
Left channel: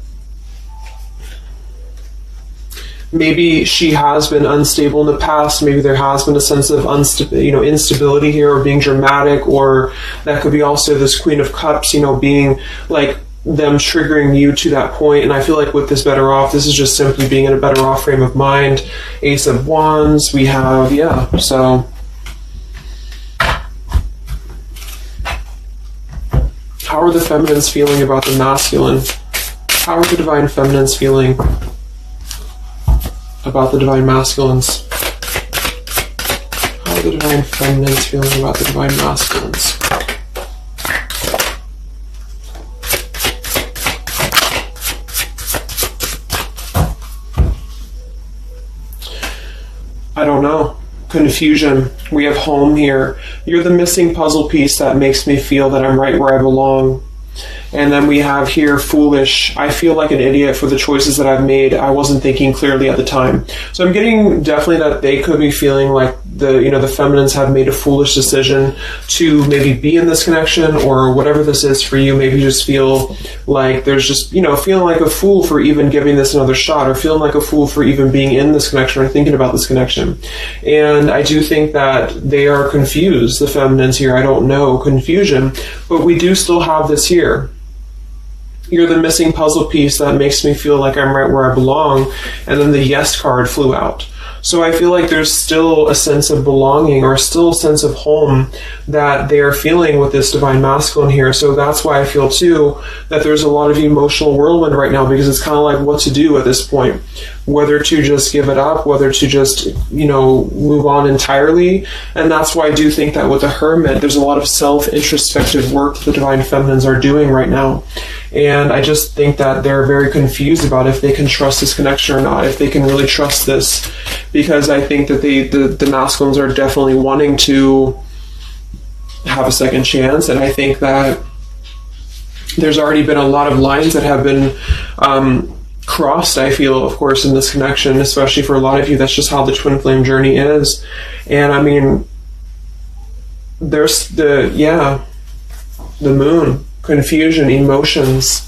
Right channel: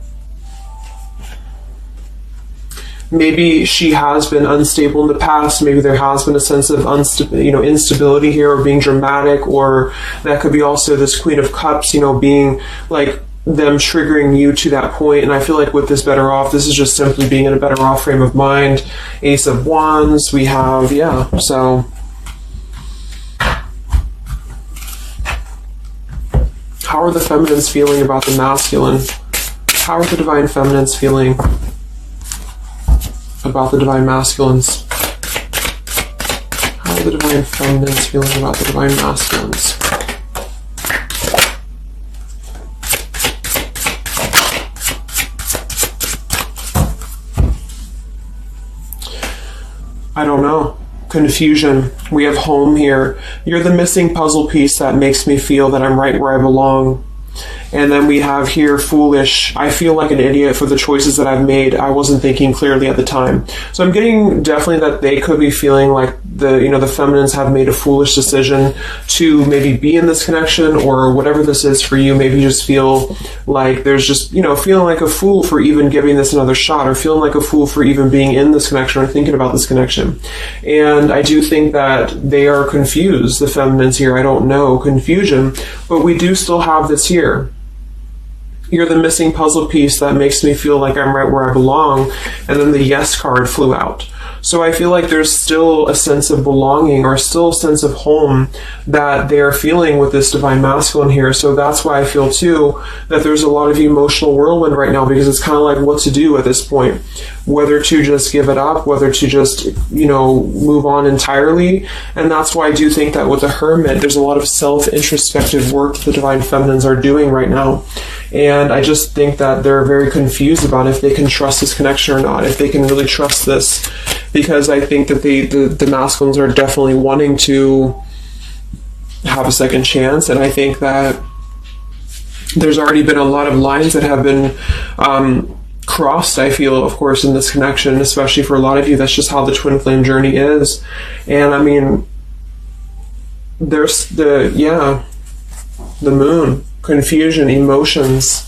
maybe she has been unstable in the past. Maybe there has been a sense of instability here, or being dramatic, or that could be also this Queen of Cups, being like them triggering you to that point. And I feel like with this Better Off, this is just simply being in a better off frame of mind. Ace of Wands, we have, so how are the feminines feeling about the masculine? How are the Divine Feminines feeling about the Divine Masculines? How are the Divine Feminines feeling about the Divine Masculines? I don't know. Confusion. We have Home here. You're the missing puzzle piece that makes me feel that I'm right where I belong. And then we have here Foolish. I feel like an idiot for the choices that I've made. I wasn't thinking clearly at the time. So I'm getting definitely that they could be feeling like the feminines have made a foolish decision to maybe be in this connection, or whatever this is for you. Maybe just feel like there's just, feeling like a fool for even giving this another shot, or feeling like a fool for even being in this connection or thinking about this connection. And I do think that they are confused, the feminines here. I don't know, confusion, but we do still have this here. You're the missing puzzle piece that makes me feel like I'm right where I belong. And then the Yes card flew out. So I feel like there's still a sense of belonging, or still a sense of home that they are feeling with this Divine Masculine here. So that's why I feel too that there's a lot of emotional whirlwind right now, because it's kind of like what to do at this point. Whether to just give it up, whether to just, move on entirely. And that's why I do think that with the Hermit, there's a lot of self-introspective work the Divine Feminines are doing right now. And I just think that they're very confused about if they can trust this connection or not, if they can really trust this. Because I think that the masculines are definitely wanting to have a second chance. And I think that there's already been a lot of lines that have been crossed, I feel, of course, in this connection, especially for a lot of you. That's just how the twin flame journey is. And I mean, there's the Moon, confusion, emotions.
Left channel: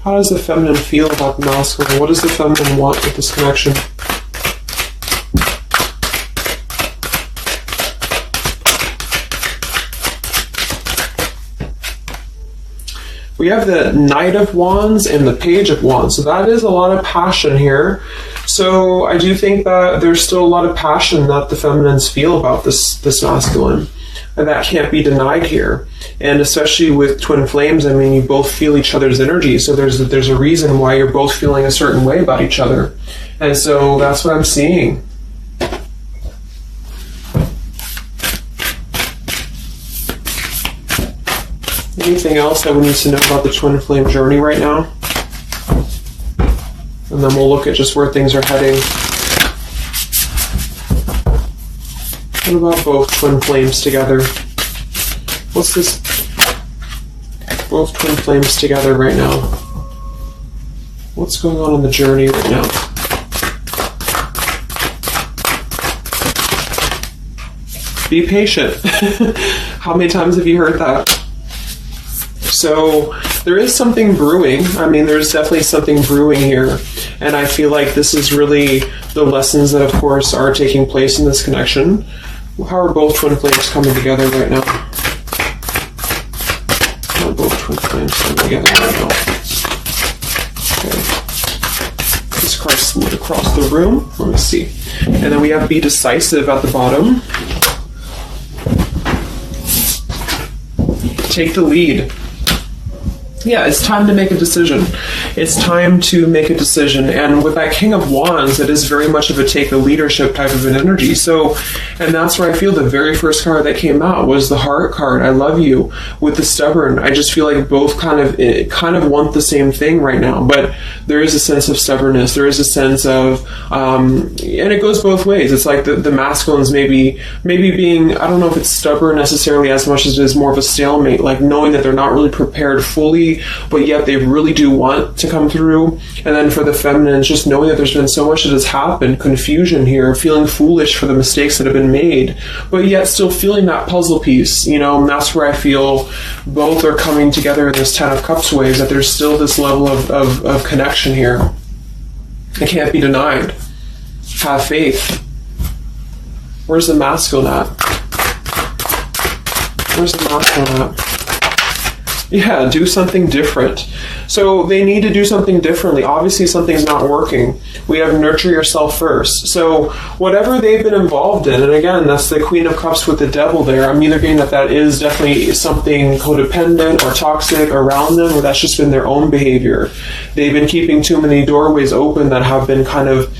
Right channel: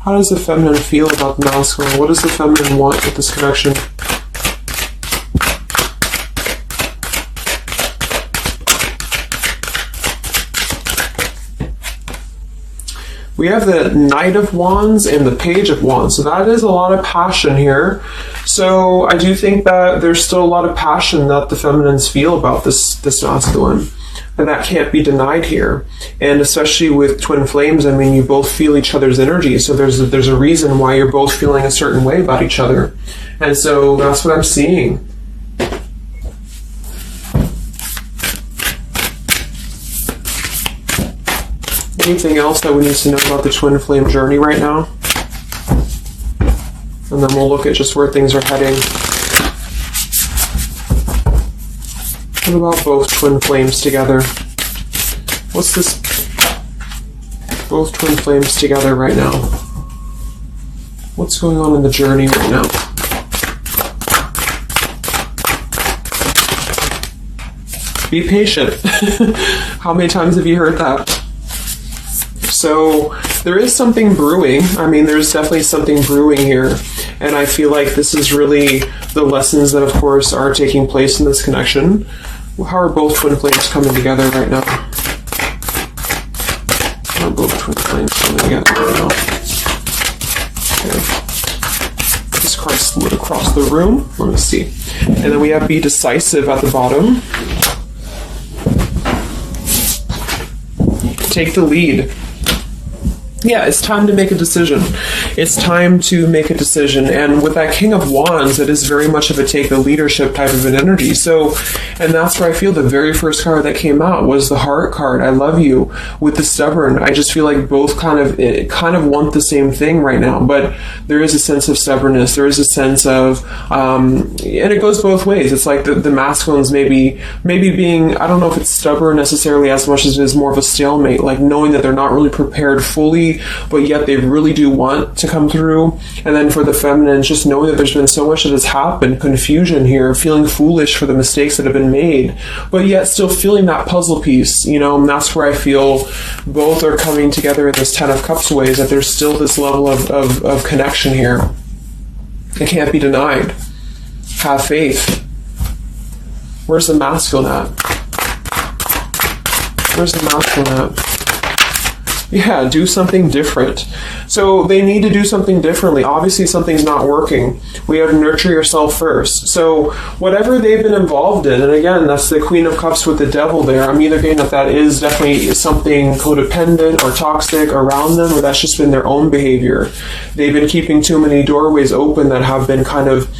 How does the feminine feel about the masculine? What does the feminine want with this connection? We have the Knight of Wands and the Page of Wands. So that is a lot of passion here. So I do think that there's still a lot of passion that the feminines feel about this masculine. And that can't be denied here. And especially with twin flames, I mean, you both feel each other's energy. So there's a reason why you're both feeling a certain way about each other. And so that's what I'm seeing. Anything else that we need to know about the twin flame journey right now? And then we'll look at just where things are heading. What about both twin flames together? What's this? Both twin flames together right now. What's going on in the journey right now? Be patient. How many times have you heard that? So there is something brewing. I mean, there's definitely something brewing here. And I feel like this is really the lessons that, of course, are taking place in this connection. How are both twin flames coming together right now? How are both twin flames coming together right now? Okay. Jesus Christ split across the room. Let me see. And then we have be decisive at the bottom. Take the lead. Yeah, it's time to make a decision. It's time to make a decision. And with that King of Wands, it is very much of a take the leadership type of an energy. So, and that's where I feel the very first card that came out was the Heart card. I love you. With the Stubborn, I just feel like both kind of want the same thing right now. But there is a sense of stubbornness. There is a sense of, and it goes both ways. It's like the masculines maybe being, I don't know if it's stubborn necessarily as much as it is more of a stalemate, like knowing that they're not really prepared fully, but yet they really do want to come through. And then for the feminines, just knowing that there's been so much that has happened, confusion here, feeling foolish for the mistakes that have been made, but yet still feeling that puzzle piece, you know. And that's where I feel both are coming together in this Ten of Cups ways, that there's still this level of connection here. It can't be denied. Have faith. Where's the masculine at? Where's the masculine at? Yeah, do something different. So they need to do something differently. Obviously, something's not working. We have nurture yourself first. So whatever they've been involved in, and again, that's the Queen of Cups with the Devil there. I'm either getting that is definitely something codependent or toxic around them, or that's just been their own behavior. They've been keeping too many doorways open that have been kind of,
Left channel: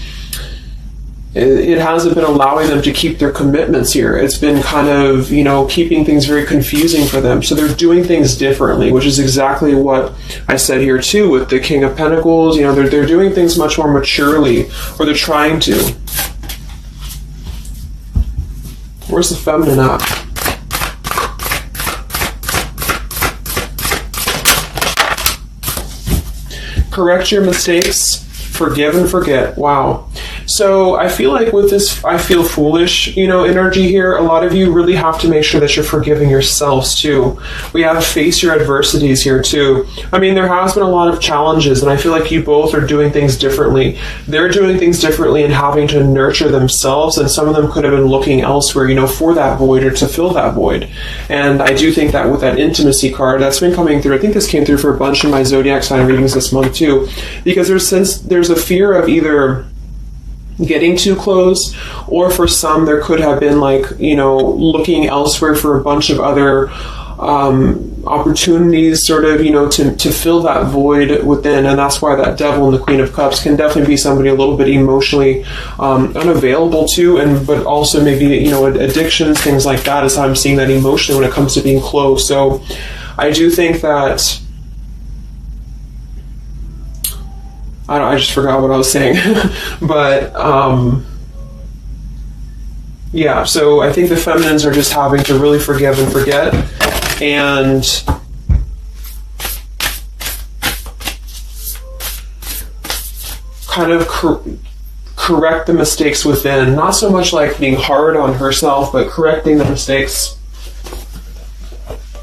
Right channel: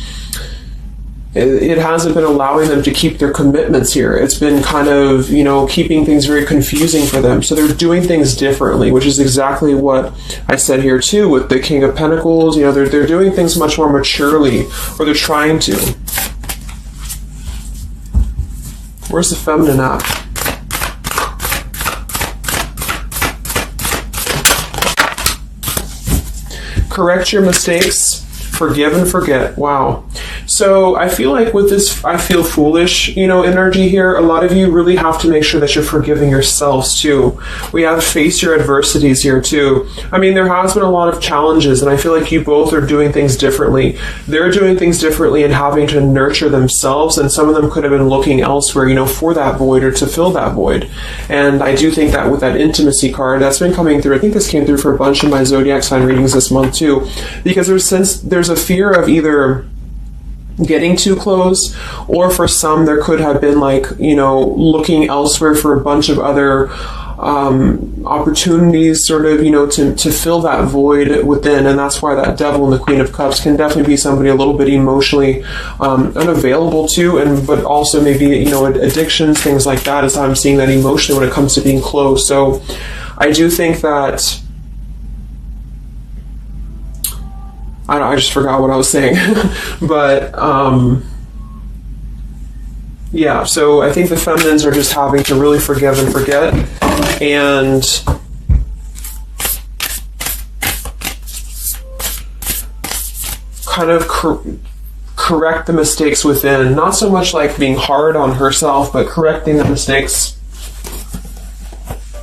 it hasn't been allowing them to keep their commitments here. It's been kind of, you know, keeping things very confusing for them. So they're doing things differently, which is exactly what I said here too with the King of Pentacles. You know, they're doing things much more maturely, or they're trying to. Where's the feminine at? Correct your mistakes. Forgive and forget. Wow. So I feel like with this I feel foolish, you know, energy here, a lot of you really have to make sure that you're forgiving yourselves too. We have to face your adversities here too. I mean, there has been a lot of challenges, and I feel like you both are doing things differently. They're doing things differently and having to nurture themselves, and some of them could have been looking elsewhere, you know, for that void or to fill that void. And I do think that with that intimacy card that's been coming through, I think this came through for a bunch of my zodiac sign readings this month too, because there's a fear of either getting too close, or for some there could have been like, you know, looking elsewhere for a bunch of other opportunities, sort of, you know, to fill that void within. And that's why that Devil and the Queen of Cups can definitely be somebody a little bit emotionally unavailable to, and but also maybe, you know, addictions, things like that, is how I'm seeing that emotionally when it comes to being close. So I do think that I just forgot what I was saying. But, yeah, so I think the feminines are just having to really forgive and forget, and kind of correct the mistakes within. Not so much like being hard on herself, but correcting the mistakes.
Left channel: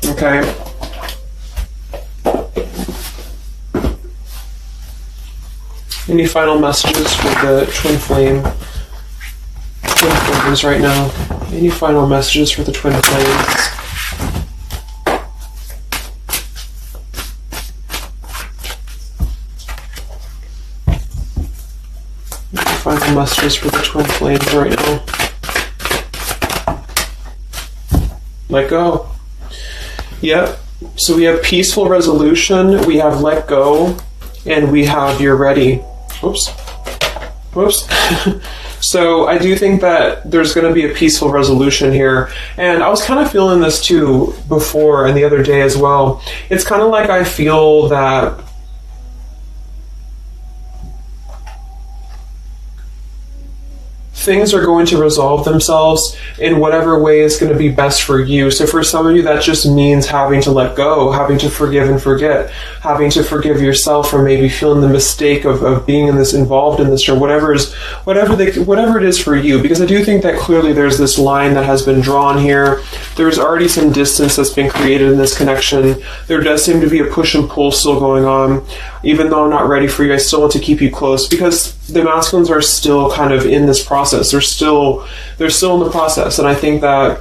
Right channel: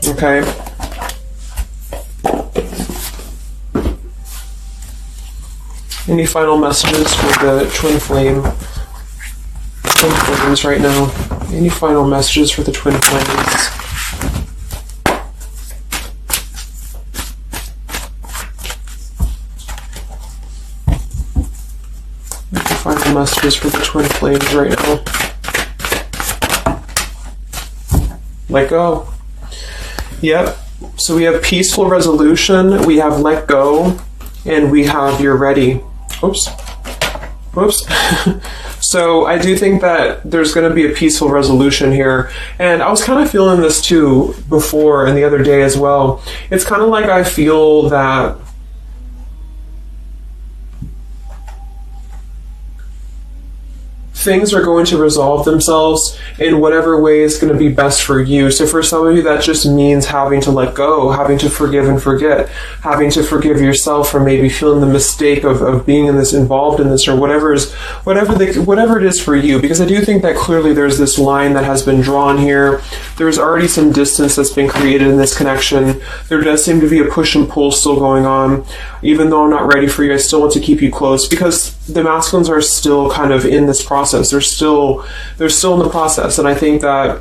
Okay? Any final messages for the twin flames right now? Any final messages for the twin flames? Any final messages for the twin flames right now? Let go. Yep. So we have peaceful resolution, we have let go, and we have you're ready. Oops. So I do think that there's going to be a peaceful resolution here. And I was kind of feeling this too before and the other day as well. It's kind of like I feel that things are going to resolve themselves in whatever way is going to be best for you. So for some of you, that just means having to let go, having to forgive and forget, having to forgive yourself for maybe feeling the mistake of being involved in this, or whatever it is for you. Because I do think that clearly there's this line that has been drawn here. There's already some distance that's been created in this connection. There does seem to be a push and pull still going on. Even though I'm not ready for you, I still want to keep you close, because the masculines are still kind of in this process. They're still in the process, and I think that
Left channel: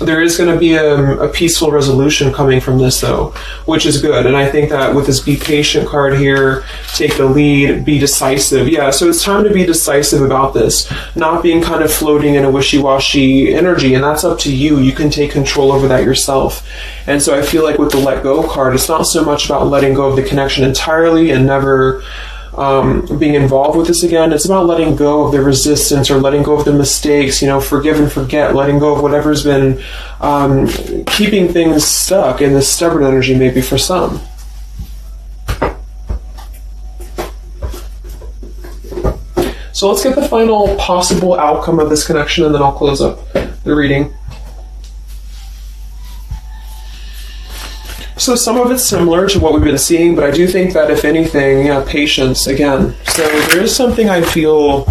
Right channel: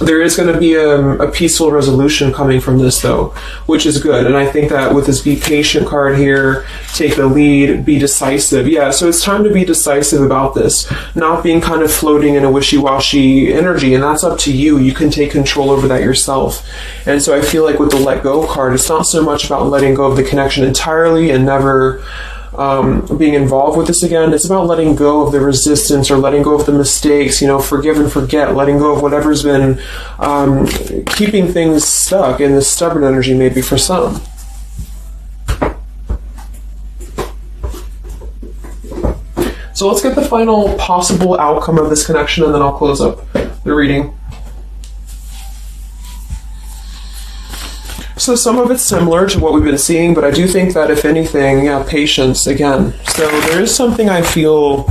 there is going to be a peaceful resolution coming from this, though, which is good. And I think that with this Be Patient card here, take the lead, be decisive. Yeah, so it's time to be decisive about this, not being kind of floating in a wishy-washy energy, and that's up to you. You can take control over that yourself. And so I feel like with the Let Go card, it's not so much about letting go of the connection entirely and never being involved with this again. It's about letting go of the resistance, or letting go of the mistakes, forgive and forget, letting go of whatever's been keeping things stuck in this stubborn energy, maybe for some. So let's get the final possible outcome of this connection, and then I'll close up the reading. So some of it's similar to what we've been seeing, but I do think that if anything, patience again. So there is something I feel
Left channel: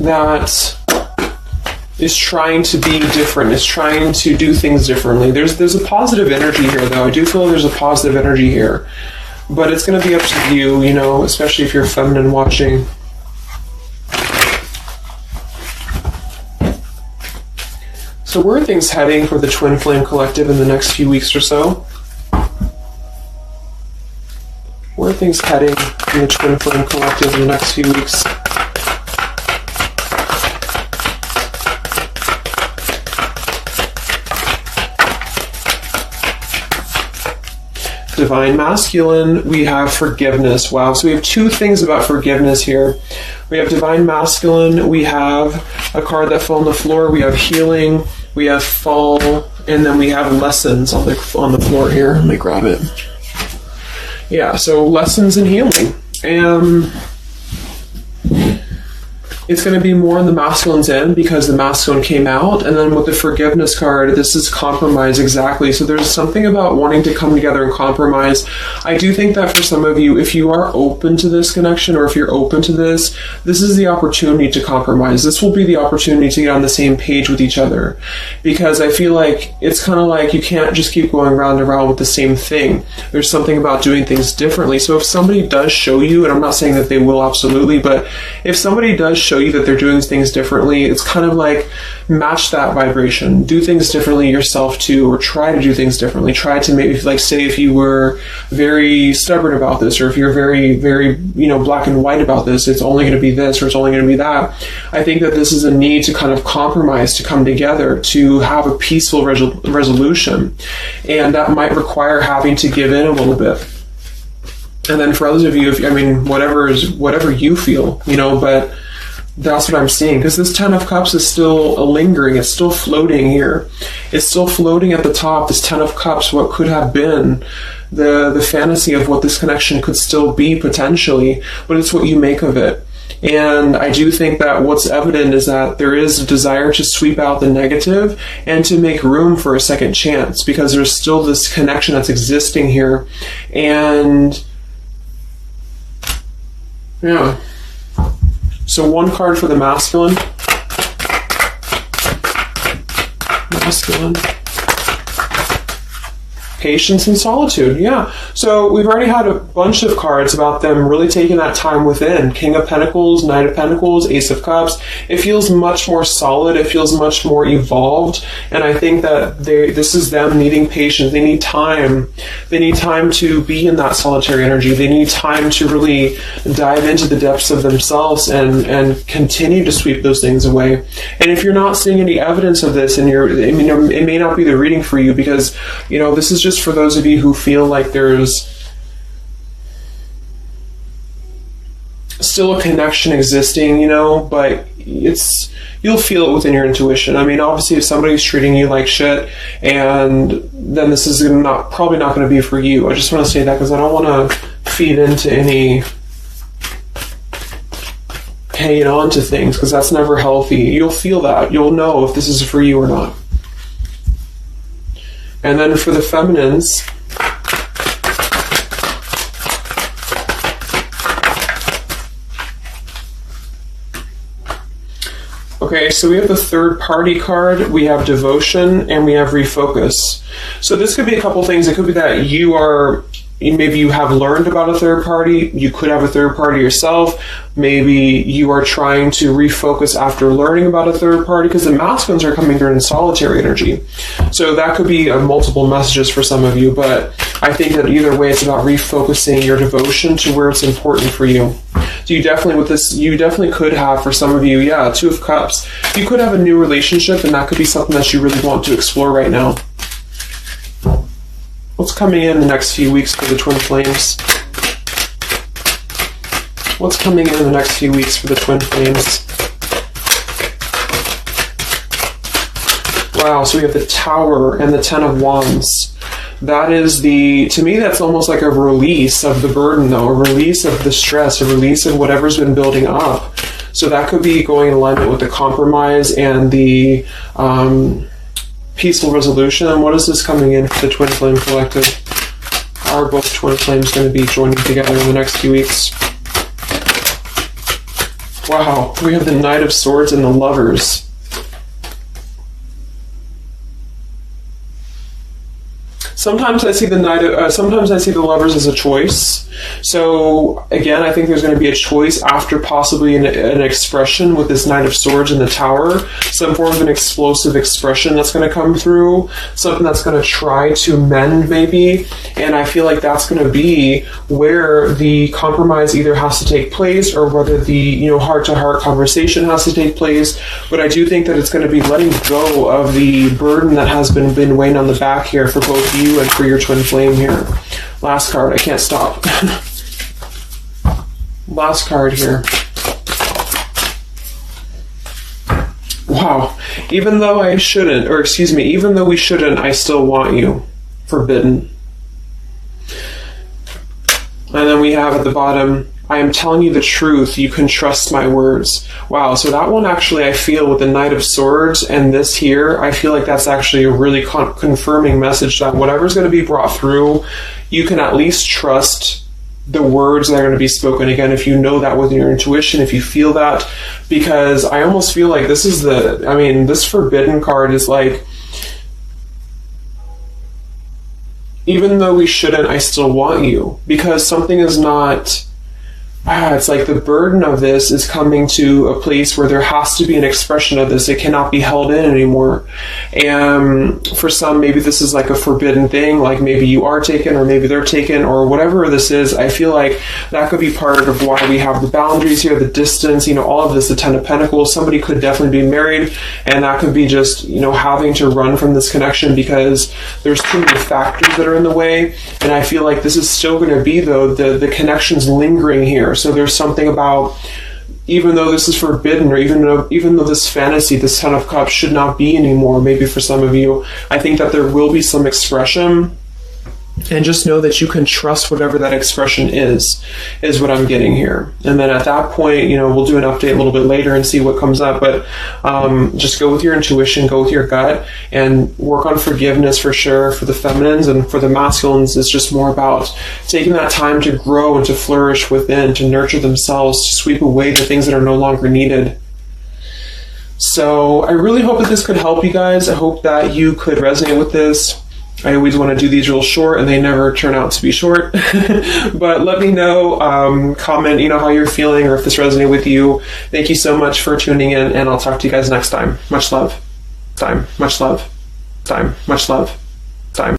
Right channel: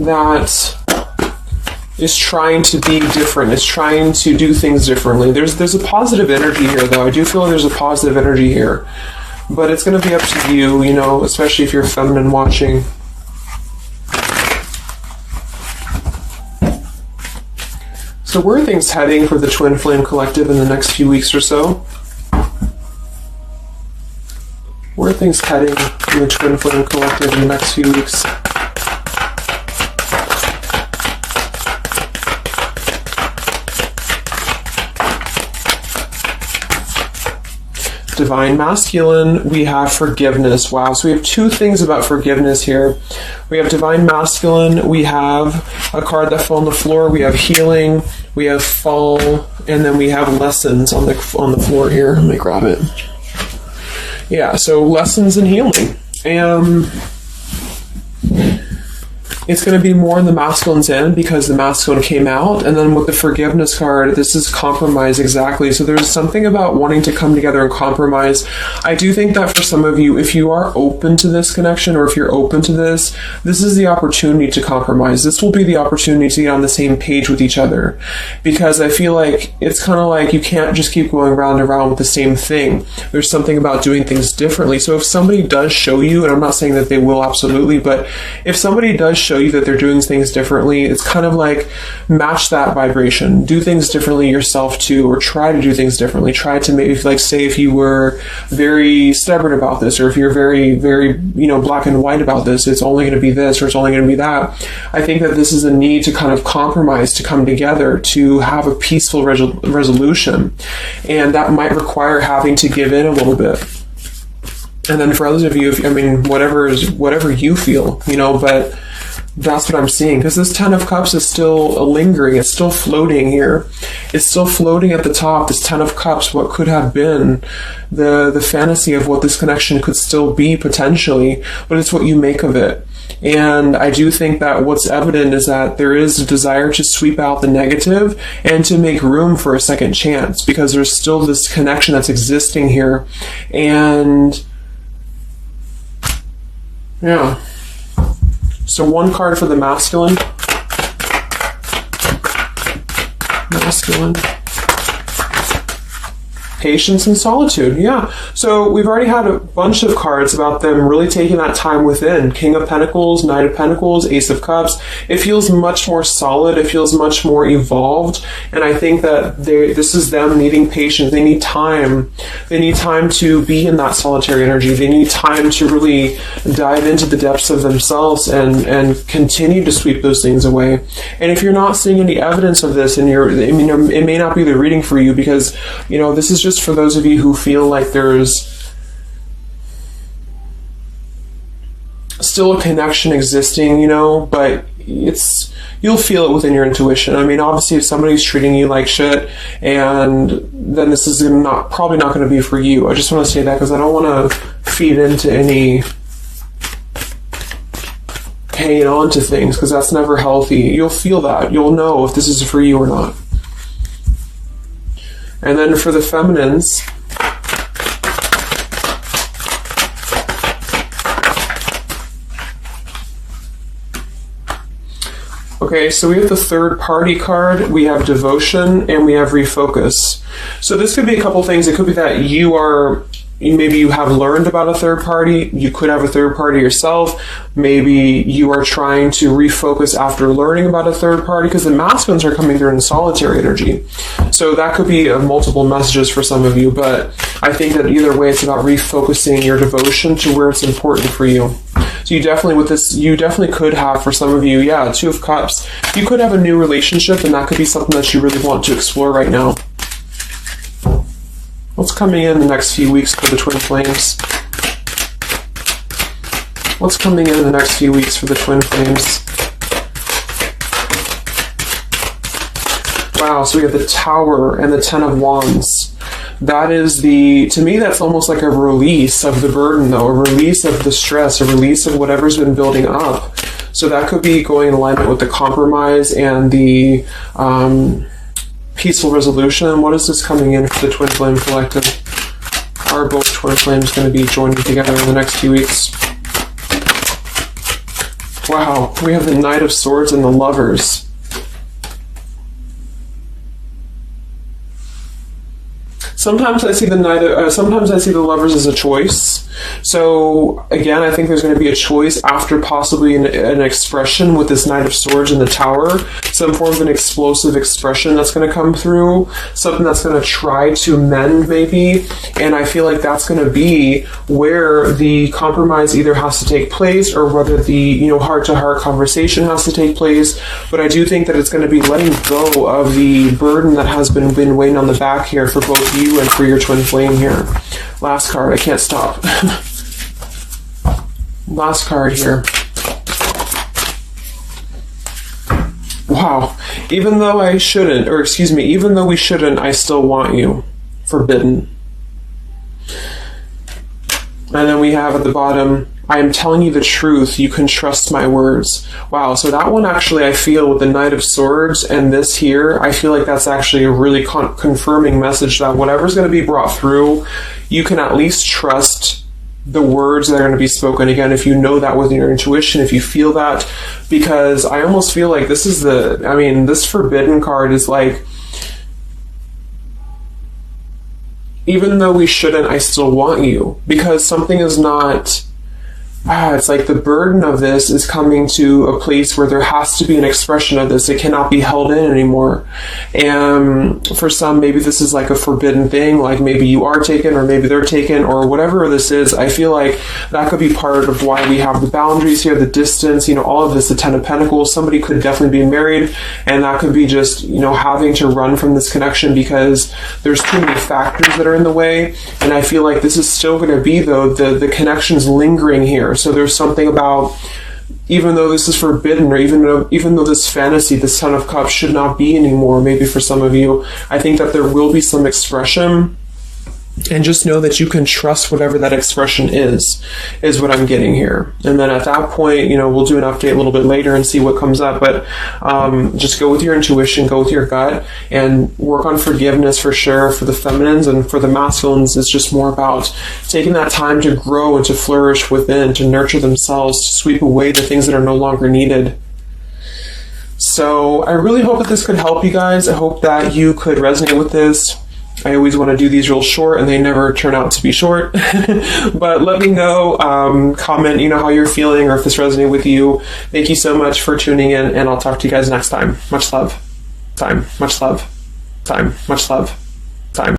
that is trying to be different, is trying to do things differently. There's a positive energy here, though. I do feel there's a positive energy here, but it's going to be up to you, especially if you're feminine watching. So where are things heading for the Twin Flame Collective in the next few weeks or so? Where are things heading in the Twin Flame Collective in the next few weeks? Divine Masculine, we have forgiveness. Wow, so we have two things about forgiveness here. We have Divine Masculine, we have a card that fell on the floor, we have healing, we have fall, and then we have lessons on the floor here. Let me grab it. Yeah, so lessons and healing. It's going to be more on the masculine's end because the masculine came out. And then with the forgiveness card, this is compromise exactly. So there's something about wanting to come together and compromise. I do think that for some of you, if you are open to this connection, or if you're open to this is the opportunity to compromise. This will be the opportunity to get on the same page with each other. Because I feel like it's kind of like you can't just keep going round and round with the same thing. There's something about doing things differently. So if somebody does show you, and I'm not saying that they will absolutely, but if somebody does show you that they're doing things differently, it's kind of like match that vibration. Do things differently yourself too, or try to do things differently. Try to maybe, like, say if you were very stubborn about this, or if you're very, very, black and white about this, it's only going to be this, or it's only going to be that. I think that this is a need to kind of compromise, to come together, to have a peaceful resolution. And that might require having to give in a little bit. And then for others of you, whatever you feel, but that's what I'm saying, because this Ten of Cups is still lingering. It's still floating here. It's still floating at the top, this Ten of Cups, what could have been, the fantasy of what this connection could still be potentially, but it's what you make of it. And I do think that what's evident is that there is a desire to sweep out the negative and to make room for a second chance, because there's still this connection that's existing here. And yeah. So one card for the masculine. Masculine. Patience and solitude, yeah. So we've already had a bunch of cards about them really taking that time within. King of Pentacles, Knight of Pentacles, Ace of Cups. It feels much more solid. It feels much more evolved. And I think that this is them needing patience. They need time. They need time to be in that solitary energy. They need time to really dive into the depths of themselves and continue to sweep those things away. And if you're not seeing any evidence of this, and it may not be the reading for you, because, this is just for those of you who feel like there's still a connection existing, but you'll feel it within your intuition. I mean, obviously, if somebody's treating you like shit, and then this is probably not going to be for you. I just want to say that because I don't want to feed into any hanging on to things, because that's never healthy. You'll feel that. You'll know if this is for you or not. And then for the feminines, okay, so we have the third party card, we have devotion, and we have refocus. So this could be a couple things. It could be that maybe you have learned about a third party. You could have a third party yourself. Maybe you are trying to refocus after learning about a third party, because the masculines are coming there in solitary energy. So that could be multiple messages for some of you, but I think that either way, it's about refocusing your devotion to where it's important for you. So you definitely could have, for some of you, Two of Cups. You could have a new relationship, and that could be something that you really want to explore right now. What's coming in the next few weeks for the twin flames? What's coming in the next few weeks for the twin flames? Wow, so we have the Tower and the Ten of Wands. That is to me, that's almost like a release of the burden, though, a release of the stress, a release of whatever's been building up. So that could be going in alignment with the compromise and the peaceful resolution. What is this coming in for the Twin Flame Collective? Are both Twin Flames going to be joining together in the next few weeks? Wow, we have the Knight of Swords and the Lovers. Sometimes I see sometimes I see the Lovers as a choice. So again, I think there's going to be a choice after possibly an expression with this Knight of Swords in the Tower, some form of an explosive expression that's going to come through, something that's going to try to mend maybe, and I feel like that's going to be where the compromise either has to take place or whether the heart-to-heart conversation has to take place. But I do think that it's going to be letting go of the burden that has been weighing on the back here for both you and for your twin flame here. Last card, I can't stop. Last card here. Wow. Even though we shouldn't, I still want you. Forbidden. And then we have at the bottom, I am telling you the truth, you can trust my words. Wow, so that one actually, I feel with the Knight of Swords and this here, I feel like that's actually a really confirming message that whatever's going to be brought through, you can at least trust the words that are going to be spoken. Again, if you know that with your intuition, if you feel that, because I almost feel like this Forbidden card is like, even though we shouldn't, I still want you. Because something is not... it's like the burden of this is coming to a place where there has to be an expression of this. It cannot be held in anymore. And for some, maybe this is like a forbidden thing, like maybe you are taken or maybe they're taken or whatever this is. I feel like that could be part of why we have the boundaries here, the distance, all of this, the Ten of Pentacles. Somebody could definitely be married, and that could be just, having to run from this connection because there's too many factors that are in the way. And I feel like this is still going to be, though, the connection's lingering here. So there's something about, even though this is forbidden, or even though this fantasy, this Ten of Cups should not be anymore, maybe for some of you, I think that there will be some expression. And just know that you can trust whatever that expression is what I'm getting here. And then at that point, we'll do an update a little bit later and see what comes up. But just go with your intuition, go with your gut, and work on forgiveness for sure for the feminines. And for the masculines, it's just more about taking that time to grow and to flourish within, to nurture themselves, to sweep away the things that are no longer needed. So I really hope that this could help you guys. I hope that you could resonate with this. I always want to do these real short, and they never turn out to be short. But let me know, comment, how you're feeling, or if this resonated with you. Thank you so much for tuning in, and I'll talk to you guys next time. Much love. Time. Much love. Time. Much love.